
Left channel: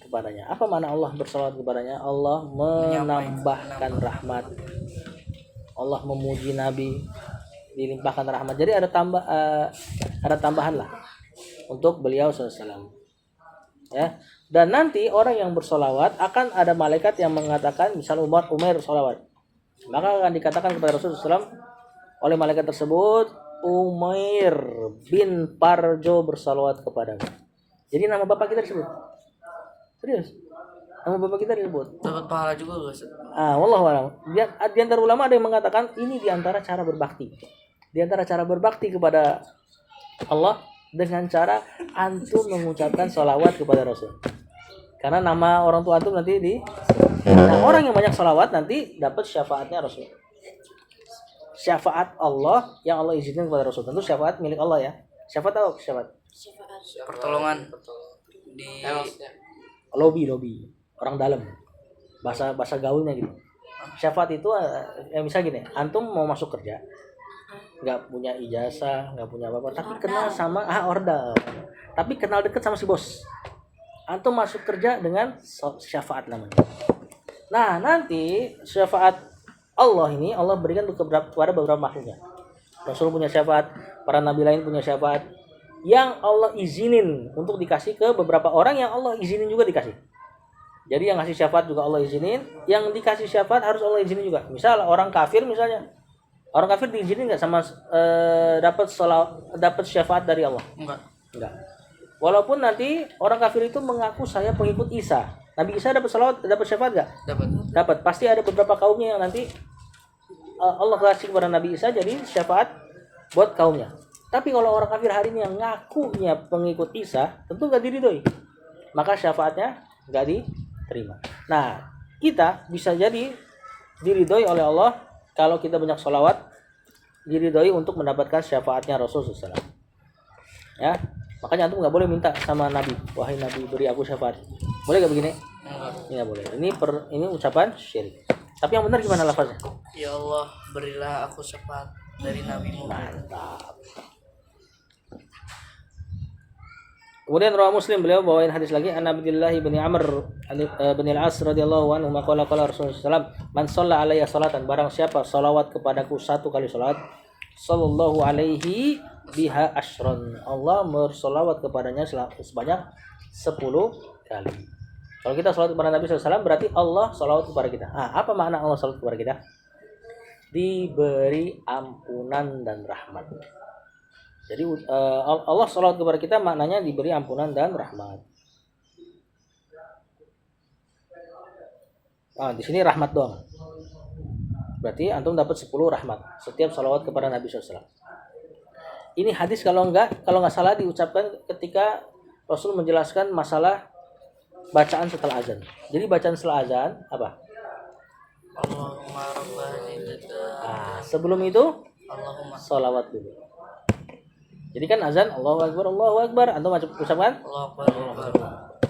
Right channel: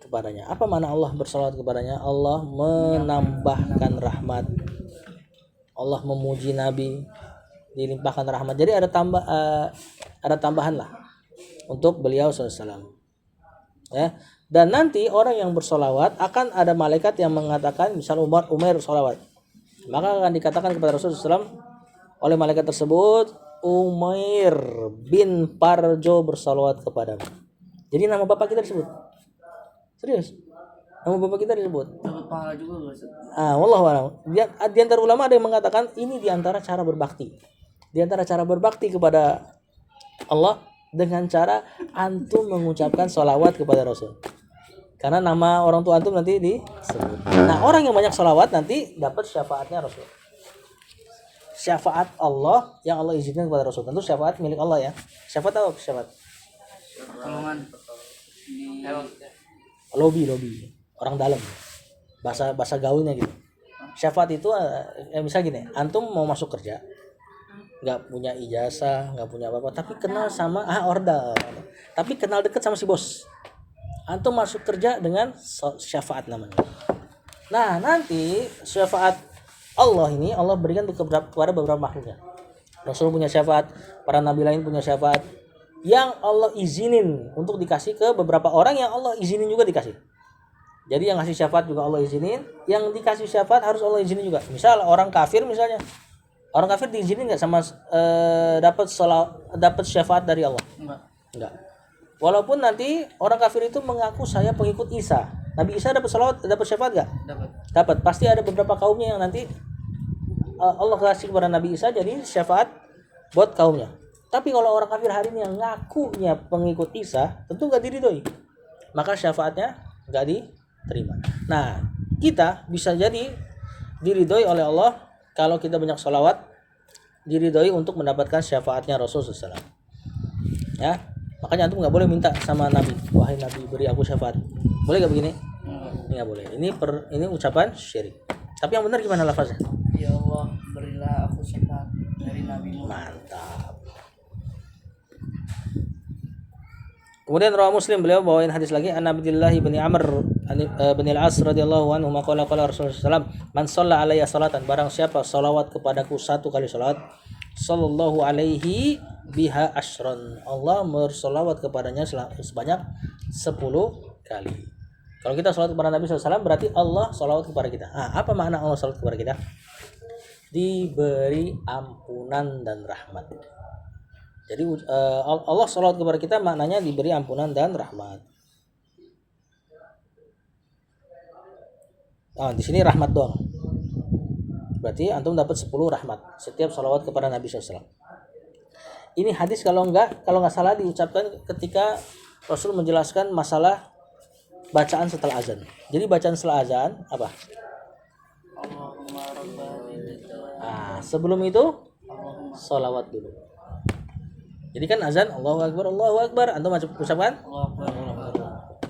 kepadanya. Apa makna Allah bersolawat kepadanya? Allah menambahkan rahmat, Allah memuji Nabi, dilimpahkan rahmat. Jadi ada tambahan lah untuk beliau SAW. Ya. Dan nanti orang yang bersolawat akan ada malaikat yang mengatakan, misal Umair bersolawat, maka akan dikatakan kepada Rasulullah SAW oleh malaikat tersebut, Umair bin Parjo bersolawat kepadamu. Jadi nama bapak kita disebut. Serius? Nama bapak kita disebut. Dapat pahala juga Ustaz. Wallahu a'lam. Di antara ulama ada yang mengatakan ini di antara cara berbakti. Di antara cara berbakti kepada Allah dengan cara antum mengucapkan sholawat kepada Rasul. Karena nama orang tua antum nanti nah, orang yang banyak sholawat nanti dapat syafaatnya Rasul. Syafaat Allah yang Allah izinkan kepada Rasul. Tentu syafaat milik Allah ya. Syafaat apa? Syafaat Pertolongan di lobby orang dalam, bahasa gaulnya gitu. Syafaat itu misal gini, antum mau masuk kerja, nggak punya ijazah, nggak punya apa-apa, tapi kenal sama ordal, tapi kenal dekat sama si bos. Antum masuk kerja dengan syafaat namanya. Nah nanti syafaat Allah ini Allah berikan kepada beberapa makhluknya. Rasul punya syafaat, para nabi lain punya syafaat, yang Allah izinin untuk dikasih ke beberapa orang yang Allah izinin juga dikasih. Jadi yang ngasih syafaat juga Allah izinin, yang dikasih syafaat harus Allah izinin juga. Misal orang kafir misalnya, orang kafir diizinin nggak sama dapat syafaat dari Allah? Enggak. Walaupun nanti orang kafir itu mengaku saya pengikut Isa, Nabi Isa dapat syafaat nggak? Dapat. Pasti ada beberapa kaumnya yang nanti Allah kasih kepada Nabi Isa jadi syafaat buat kaumnya. Tapi kalau orang kafir hari ini yang ngakunya pengikut Isa, tentu nggak diridhoi, maka syafaatnya nggak diterima. Nah, kita bisa jadi diridhoi oleh Allah kalau kita banyak sholawat, diridhoi untuk mendapatkan syafaatnya Rasulullah SAW. Ya, makanya antum nggak boleh minta sama Nabi, wahai Nabi beri aku syafaat. Boleh nggak begini? Nggak boleh. Ini ucapan syirik. Tapi yang benar gimana lafaznya? Ya Allah, berilah aku syafaat dari Nabi Muhammad. Mantap. Kemudian rawah Muslim, beliau bawain hadis lagi an Abdullah bin Amr bin Al-As radhiyallahu anhu maqala qala Rasulullah sallallahu man shalla alayya salatan, barang siapa salawat kepadaku satu kali salat, sallallahu alaihi biha asyran, Allah bersolawat kepadanya sebanyak 10 kali. Kalau kita salat kepada Nabi SAW berarti Allah salawat kepada kita. Apa makna Allah salawat kepada kita? Diberi ampunan dan rahmat. Jadi Allah salawat kepada kita maknanya diberi ampunan dan rahmat. Di sini rahmat dong. Berarti antum dapat 10 rahmat setiap salawat kepada Nabi SAW. Ini hadis kalau nggak salah diucapkan ketika Rasul menjelaskan masalah bacaan setelah azan. Jadi bacaan setelah azan apa? Allahumma rabbana. Sebelum itu Allahumma salawat dulu. Jadi kan azan Allahu Akbar, antum ucapkan Allahu Akbar.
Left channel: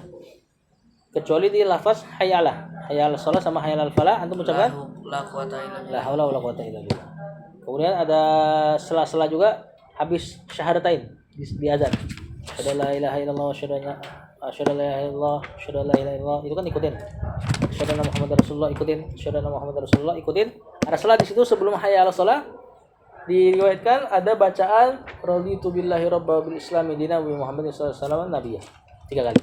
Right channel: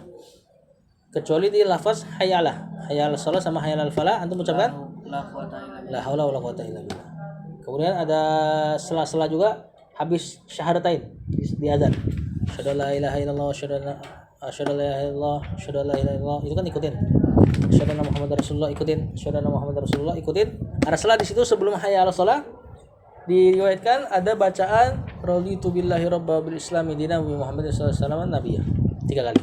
Kecuali di lafaz hayyalah, hayyal shalah sama hayyal falah antum ucapkan La quwata illa billah. la haula wala quwata illa billah. Kemudian ada sela-sela juga habis syahadatain di azan. Asyhadu la ilaha illallah wa asyhadu la ilaha illallah, asyhadu la ilaha illallah, itu kan ikutin. Asyhadu anna Muhammadar Rasulullah ikutin, asyhadu anna Muhammadar Rasulullah ikutin. Ada sela di situ sebelum hayyal shalah. Diriwayatkan ada bacaan raditu billahi rabba bil islami dina wa Muhammadin sallallahu alaihi wasallam nabiyya 3 kali.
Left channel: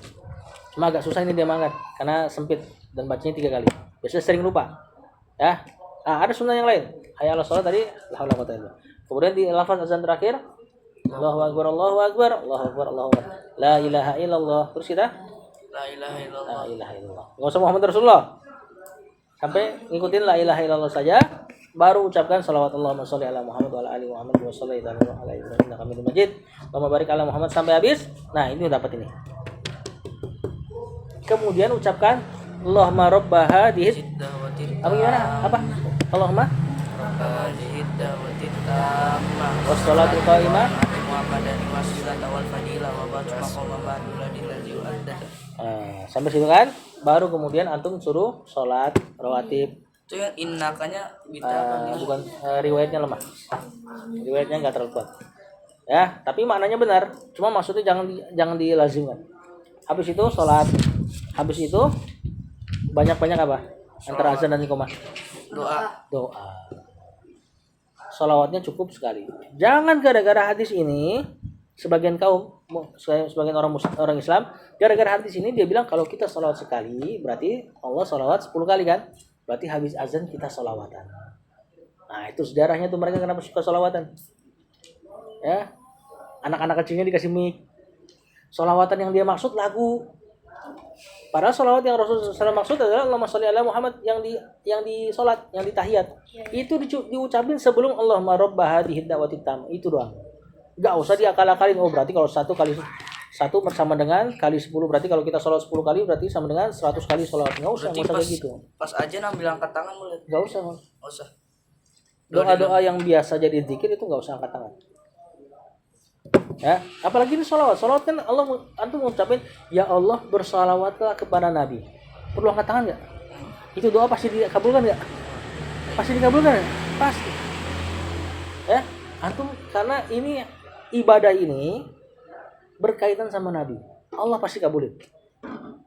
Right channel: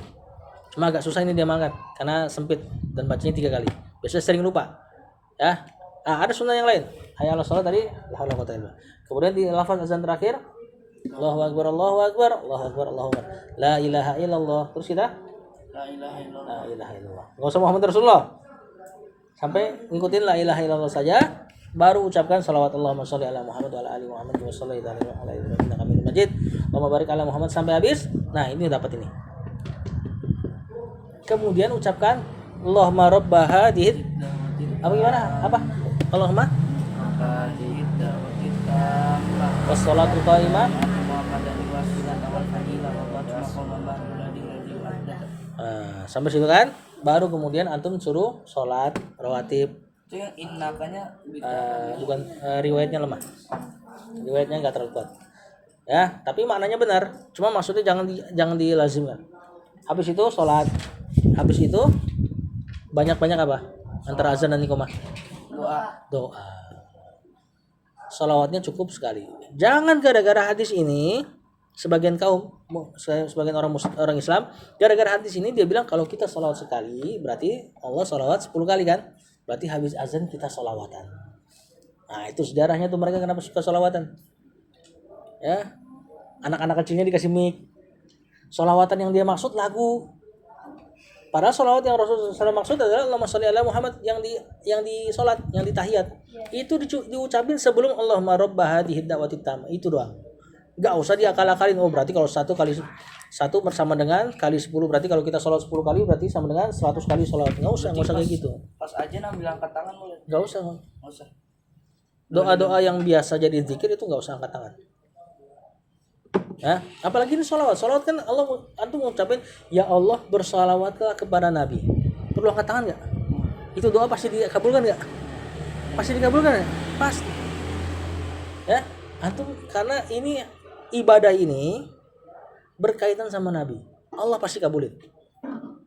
Cuma agak susah ini dia mengangkat karena sempit dan bacanya 3 kali. Biasanya sering lupa. Ya. Ada sunnah yang lain. Hayya 'alas shalah tadi la haula wala quwata illa billah. Kemudian di lafaz azan terakhir Allahu akbar Allahu akbar Allahu akbar Allahu akbar. La ilaha illallah. Terus kita La ilaha illallah. la ilaha illallah. Enggak usah Muhammad Rasulullah. Sampai ngikutin la ilaha illallah saja. Baru ucapkan salawat Allahumma sholli ala Muhammad wa ala ali Muhammad wa sholli ala Ibrahim innaka Hamidum Majid. Allahumma barik ala Muhammad sampai habis. Nah, ini dapat ini. Kemudian ucapkan Allahumma rabb hadhihi. Apa gimana? Apa? Allahumma Hadhihi da'watit tammah. wassalatu qaimah. Muhammadan wasilat awal fadilah wa batu maqamam mahmuladil ladzi wa'adda. Sampai situ kan? Baru kemudian antum suruh sholat rawatib. Itu yang innakanya bita. Bukan riwayatnya lemah. Riwayatnya nggak terlalu kuat. Ya, tapi maknanya benar. Cuma maksudnya jangan dilazimkan. Habis itu sholat. Habis itu banyak-banyak apa? Antara azan dan iqamah. Doa. Sholawatnya cukup sekali. Jangan gara-gara hadis ini sebagian orang Islam gara-gara hadis ini dia bilang kalau kita sholawat sekali berarti Allah sholawat 10 kali kan? Berarti habis azan kita sholawatan. Nah itu sejarahnya tuh mereka kenapa suka sholawatan. Ya, anak-anak kecilnya dikasih mic. Sholawatan yang dia maksud lagu. Padahal sholawat yang Rasulullah SAW maksud adalah Allahumma sholli ala Muhammad yang di sholat, yang di tahiyat. Itu diucapin sebelum Allahumma rabba hadhihi da'watit tammah. Itu doang. Gak usah diakal-akalin. Oh berarti kalau satu bersama dengan kali 10, berarti kalau kita sholat 10 kali berarti sama dengan 100 kali sholat. Gak usah kayak gitu. Pas aja ambil angkat tangan boleh. Gak usah. Nggak usah. Doa-doa yang biasa jadi zikir itu gak usah angkat tangan. Ya, apalagi ini sholawat kan Allah antum mengucapin ya Allah bersalawatlah kepada Nabi. Perlu angkat tangan nggak? Itu doa pasti dikabulkan nggak? Pasti dikabulkan ya? Pasti. Ya, antum karena ini ibadah ini berkaitan sama Nabi. Allah pasti kabulin.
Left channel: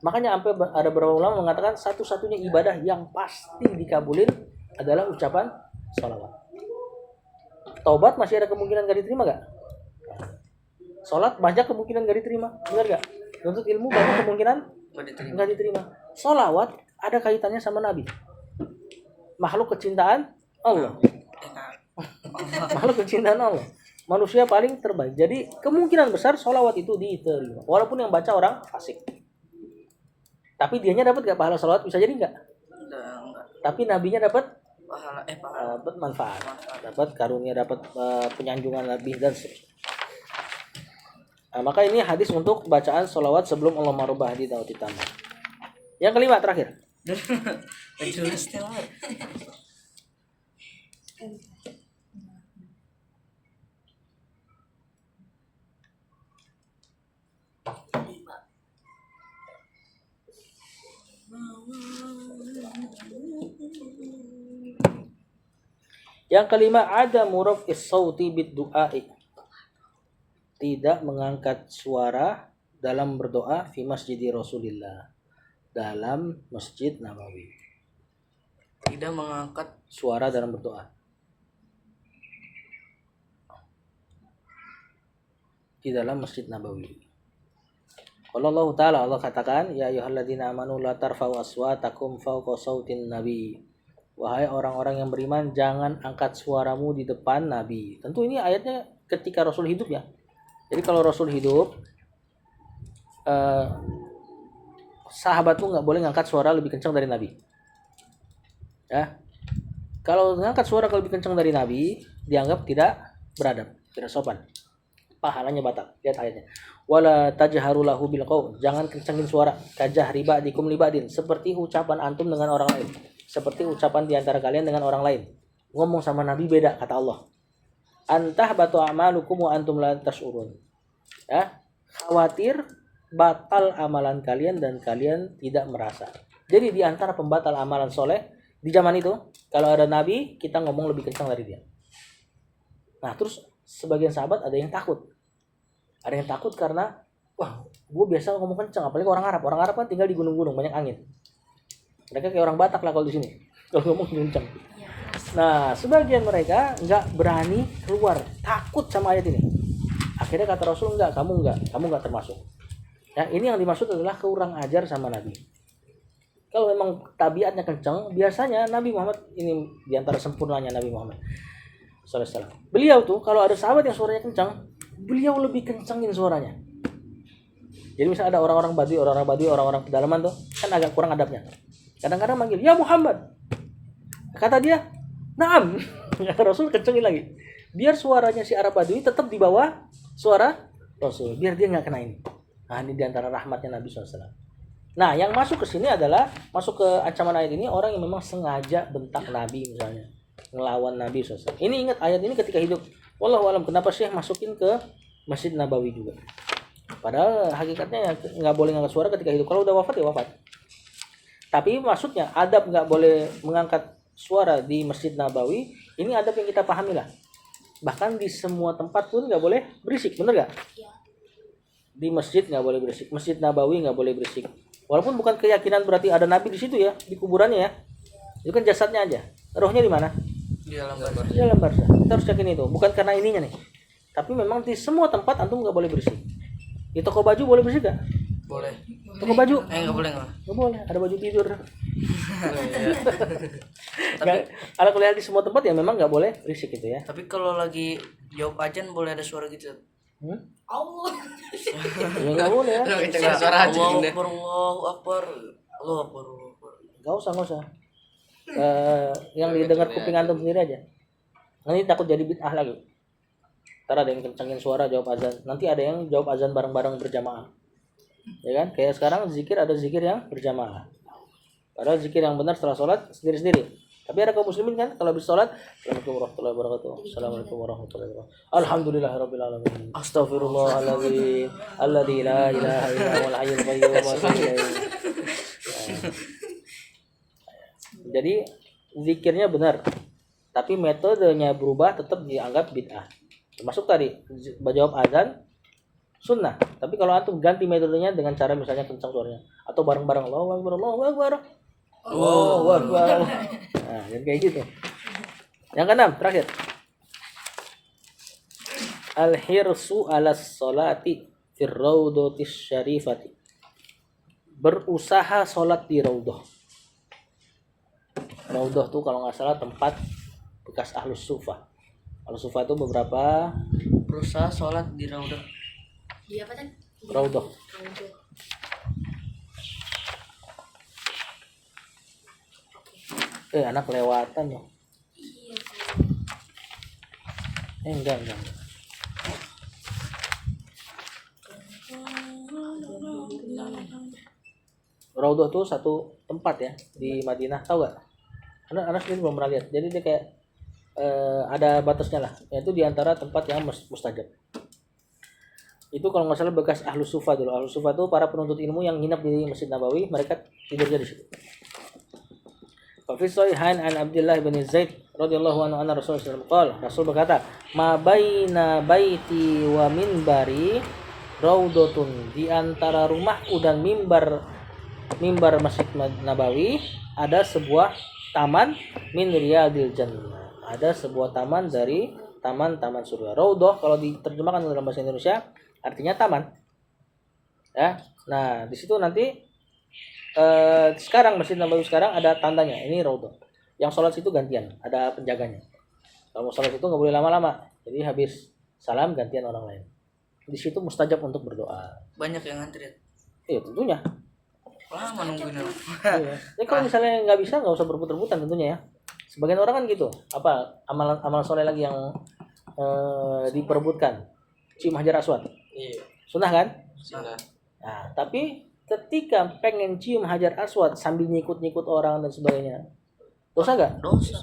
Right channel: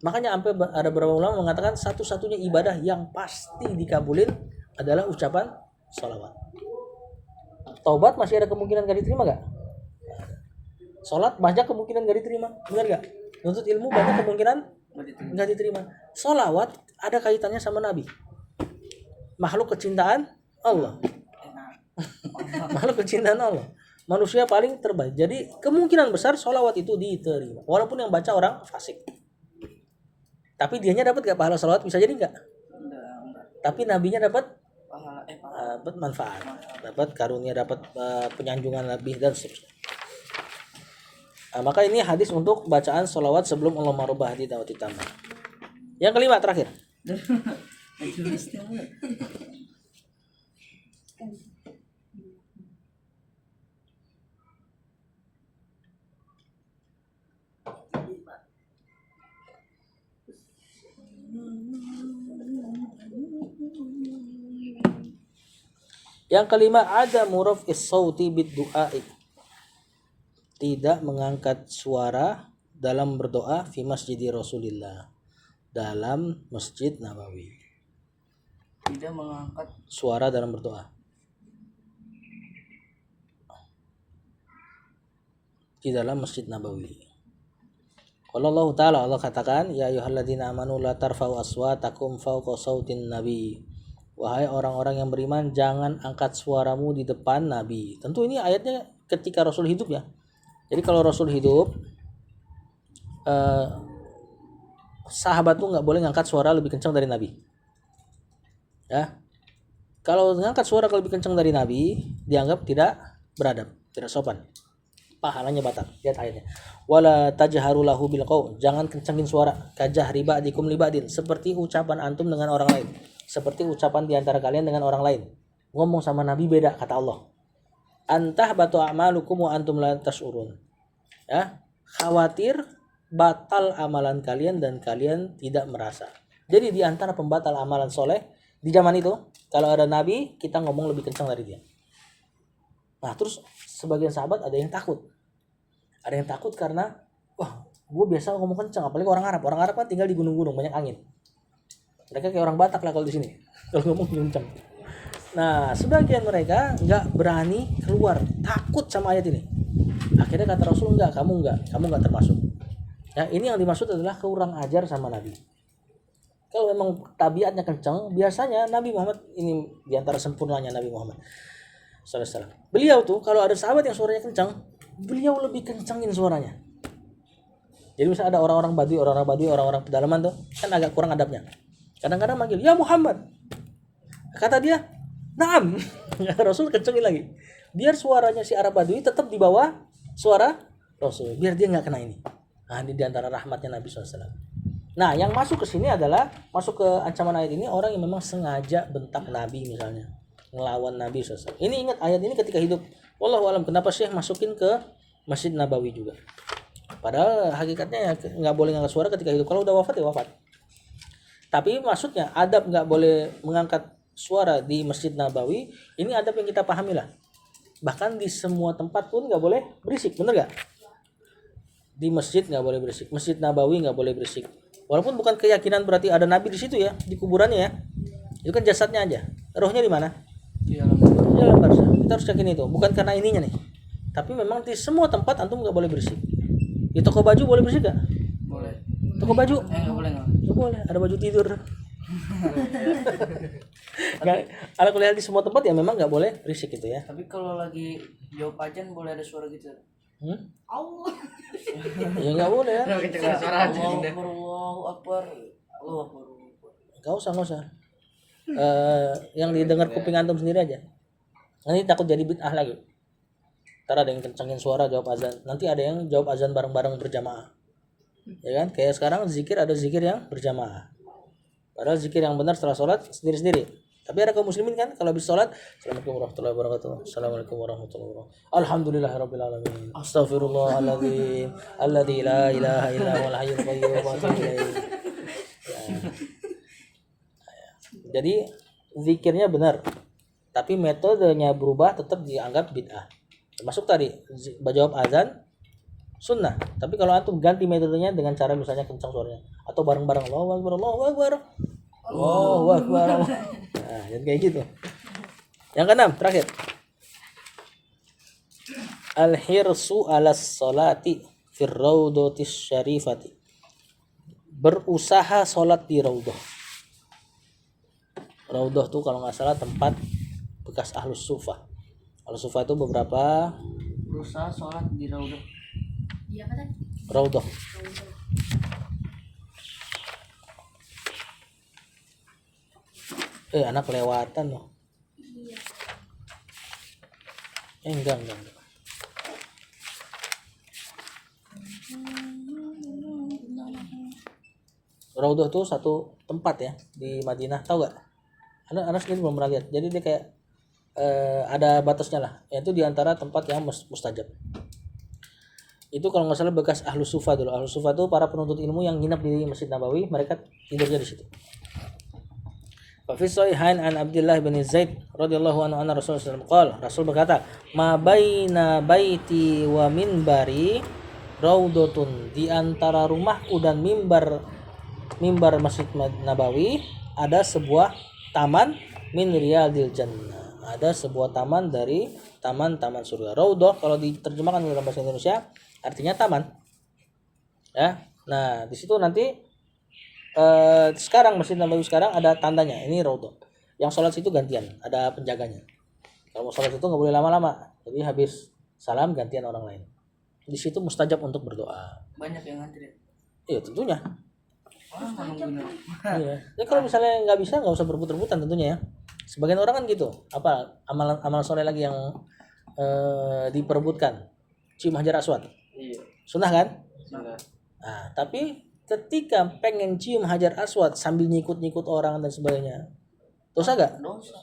Makanya sampai ada beberapa ulama mengatakan satu-satunya ibadah yang pasti dikabulin adalah ucapan sholawat. Taubat masih ada kemungkinan gak diterima gak? Sholat banyak kemungkinan gak diterima, benar gak? Nuntut ilmu banyak kemungkinan gak diterima. Sholawat ada kaitannya sama Nabi. Makhluk kecintaan Allah. Makhluk kecintaan Allah. Manusia paling terbaik. Jadi kemungkinan besar sholawat itu diterima. Walaupun yang baca orang fasik. Tapi dianya dapat gak pahala sholawat? Bisa jadi gak? Enggak. Tapi nabinya dapat Pahala dapat manfaat, dapat karunia, dapat penyanjungan lebih dan seterusnya. Maka ini hadis untuk bacaan sholawat sebelum Allahumma rabb hadhihi da'watit tammah. Yang kelima terakhir. jelasnya mah. Yang kelima ada muraf'is sauti bid du'a'i. Tidak mengangkat suara dalam berdoa fi masjidi Rasulillah, dalam Masjid Nabawi. Tidak mengangkat Suara dalam berdoa. Di dalam Masjid Nabawi. Kalau Allah Ta'ala, Allah katakan, ya ayyuhalladzina amanu la tarfa'u aswatakum fawqa sautin nabi. Wahai orang-orang yang beriman, jangan angkat suaramu di depan Nabi. Tentu ini ayatnya ketika Rasul hidup ya. Jadi kalau Rasul hidup, sahabat tuh nggak boleh ngangkat suara lebih kencang dari Nabi. Ya, kalau ngangkat suara lebih kencang dari Nabi, dianggap tidak beradab, tidak sopan. Pahalanya batal. Lihat ayatnya. Wala tajharu lahu bil qaul. Jangan kencangin suara. Kajahri ba'dikum li ba'din. Seperti ucapan antum dengan orang lain. Seperti ucapan di antara kalian dengan orang lain. Ngomong sama Nabi beda kata Allah. Antah batu a'malukum wa antum la tash'urun. Ya, khawatir batal amalan kalian dan kalian tidak merasa. Jadi di antara pembatal amalan soleh di zaman itu, kalau ada Nabi, kita ngomong lebih kencang dari dia. Nah, terus sebagian sahabat ada yang takut. Ada yang takut karena, wah, gue biasa ngomong kencang, apalagi orang Arab. Orang Arab kan tinggal di gunung-gunung, banyak angin. Mereka kayak orang Batak lah kalau di sini, kalau ngomong kencang. Nah, sebagian mereka nggak berani keluar, takut sama ayat ini. Akhirnya kata Rasul, kamu nggak termasuk. Ya, ini yang dimaksud adalah kurang ajar sama Nabi. Kalau memang tabiatnya kencang, biasanya Nabi Muhammad ini diantara sempurnanya Nabi Muhammad SAW. Beliau tuh kalau ada sahabat yang suaranya kencang, beliau lebih kencangin suaranya. Jadi misalnya ada orang-orang Badui, orang-orang pedalaman tuh kan agak kurang adabnya. Kadang-kadang manggil, ya Muhammad. Kata dia, naam. Rasul kencangin lagi. Biar suaranya si Arab Badui tetap di bawah suara Rasul. Biar dia nggak kena ini. Nah, ini diantara rahmatnya Nabi SAW. Nah, yang masuk ke sini adalah masuk ke ancaman ayat ini orang yang memang sengaja bentak Nabi misalnya, ngelawan Nabi SAW. Ini ingat ayat ini ketika hidup. Wallahu alam kenapa Syekh masukin ke Masjid Nabawi juga. Padahal hakikatnya ya nggak boleh ngangkat suara ketika hidup. Kalau udah wafat ya wafat. Tapi maksudnya adab nggak boleh mengangkat suara di Masjid Nabawi. Ini adab yang kita pahami lah. Bahkan di semua tempat pun nggak boleh berisik, bener nggak? Di masjid nggak boleh berisik, Masjid Nabawi nggak boleh berisik. Walaupun bukan keyakinan berarti ada Nabi di situ ya, di kuburannya ya. Itu kan jasadnya aja. Rohnya di mana? di dalam kamar. Di dalam barzah. Kita harus yakin itu. Bukan karena ininya nih. Tapi memang di semua tempat antum nggak boleh berisik. Di toko baju boleh berisik nggak? Boleh. Toko baju? Nggak boleh nggak? Nggak boleh. Ada baju tidur. Kalau kuliah di semua tempat ya memang nggak boleh berisik gitu ya. Tapi kalau lagi jawab ajan boleh ada suara gitu. Allah. Ya nggak boleh ya. Kencang suara aja. Allahu Akbar. Allahu Akbar. Nggak usah. Yang didengar kuping antum sendiri aja. Nanti takut jadi bid'ah lagi. Ntar ada yang kencangin suara jawab azan. Nanti ada yang jawab azan bareng-bareng berjamaah. Ya kan? Kayak sekarang zikir ada zikir yang berjamaah. Padahal zikir yang benar setelah sholat sendiri-sendiri. Tapi ada kaum muslimin kan kalau habis sholat, Assalamualaikum warahmatullahi wabarakatuh. Assalamualaikum warahmatullahi wabarakatuh. Alhamdulillahirabbil alamin. Astaghfirullahaladzim. Alladzi la ilaha illa huwal hayyul qayyum wa atubu ilaih. Jadi zikirnya benar. Tapi metodenya berubah tetap dianggap bid'ah. Termasuk tadi jawab azan sunnah. Tapi kalau antum ganti metodenya dengan cara misalnya kencang suaranya atau bareng-bareng Allahu Akbar, Allahu Akbar. Allahu Akbar. Nah, jadi kayak gitu. Yang keenam terakhir. Al-hirsu 'alas sholati fir raudhatis syarifati. Berusaha sholat di raudhah. Raudhah tuh kalau nggak salah tempat bekas ahlus sufah. Ahlus sufah itu beberapa Berusaha sholat di raudhah. Iya apa kan? raudhah. Anak kelewatan loh. Iya. Enggak. Raudhah tuh satu tempat ya di Madinah, tahu gak? Anak sendiri belum pernah lihat. Jadi dia kayak ada batasnya lah. Yaitu diantara tempat yang mustajab. Itu kalau nggak salah bekas ahlus sufah dulu. Ahlus sufah itu para penuntut ilmu yang nginap di Masjid Nabawi, mereka tidurnya di situ. Fa fi sahihain an Abdullah bin Zaid radhiyallahu anhu anna Rasulullah sallallahu alaihi wasallam Rasul berkata, "Ma baina baiti wa minbari raudhatun, di antara rumahku dan mimbar Masjid Nabawi ada sebuah taman min riyadil jannah. Ada sebuah taman dari taman-taman surga. Raudhah kalau diterjemahkan dalam bahasa Indonesia artinya taman. Ya. Nah, di situ nanti sekarang Masjid Nabawi sekarang ada tandanya. Ini raudhah. Yang sholat situ gantian, ada penjaganya. Kalau mau sholat itu nggak boleh lama-lama. Jadi habis salam gantian orang lain. Di situ mustajab untuk berdoa. Banyak yang ngantri. Iya tentunya. Lama nungguin orang. Iya. Ya kalau misalnya nggak bisa nggak usah berebut-rebutan tentunya ya. Sebagian orang kan gitu. Apa amalan soleh lagi yang diperebutkan? Cium hajar aswad. Iya. Sunnah kan? Sudah. Nah tapi ketika pengen cium hajar aswad sambil nyikut-nyikut orang dan sebagainya, dosa nggak?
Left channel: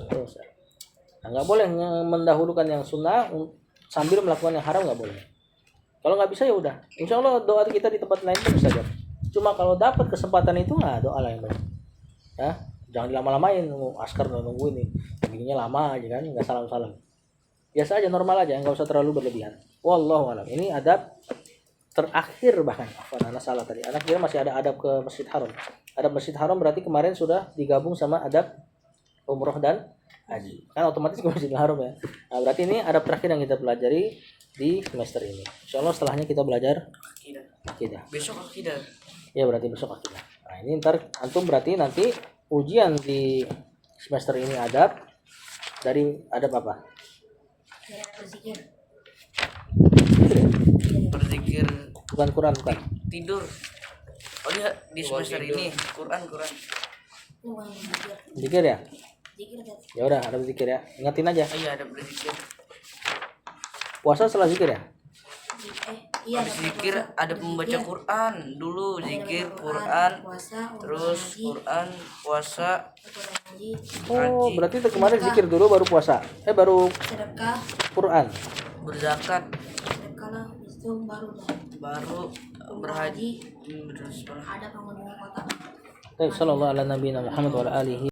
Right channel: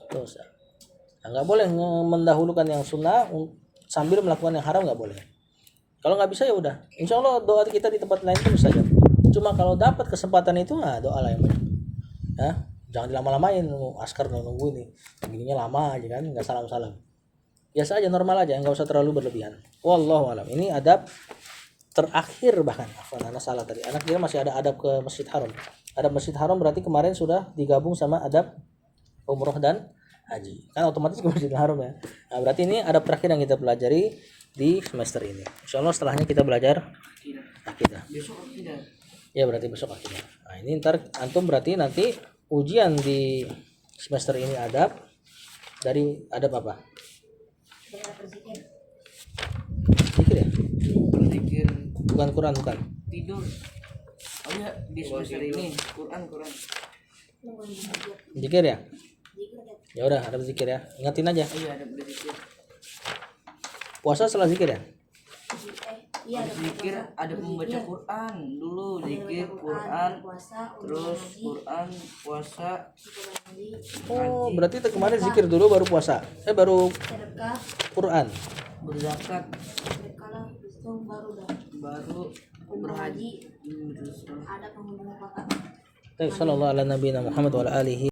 Dosa. Nah, nggak boleh mendahulukan yang sunnah sambil melakukan yang haram, nggak boleh. Kalau nggak bisa ya udah. Insya Allah doa kita di tempat lain itu bisa aja. Cuma kalau dapat kesempatan itu doa lah yang banyak. Ya, jangan dilama-lamain, askar nunggu ini. Begininya lama aja kan, nggak salam-salam. Biasa aja, normal aja, nggak usah terlalu berlebihan. Wallahu a'lam. Ini adab terakhir bahkan. Anak salah tadi. Anak kira masih ada adab ke Masjid Haram. Adab Masjid Haram berarti kemarin sudah digabung sama adab umroh dan haji. Kan otomatis ke Masjidil Haram ya. Nah, berarti ini adab terakhir yang kita pelajari di semester ini. Insyaallah setelahnya kita belajar akidah. Besok akidah. Ya berarti besok akidah. Nah, ini ntar antum berarti nanti ujian di semester ini adab dari adab apa? Ya, berzikir. Zikir ya? Berzikir, Bukan Quran bukan. tidur. Oh iya, di semester ini Quran. Ini bukan berzikir. Zikir ya? Zikir kan. Ya udah ada zikir ya. Ingatin aja. Iya, ada berzikir. Puasa setelah zikir ya? Iya, Habis zikir ada membaca Quran dulu, zikir Quran, puasa, terus Quran, puasa, haji, Oh, berarti itu kemarin zikir dulu baru puasa. Baru sedekah, Quran. berzakat, sedekah lah, itu baru berhaji, terus ada pengunjung kota. Sallallahu ala nabiyina Muhammad wa ala alihi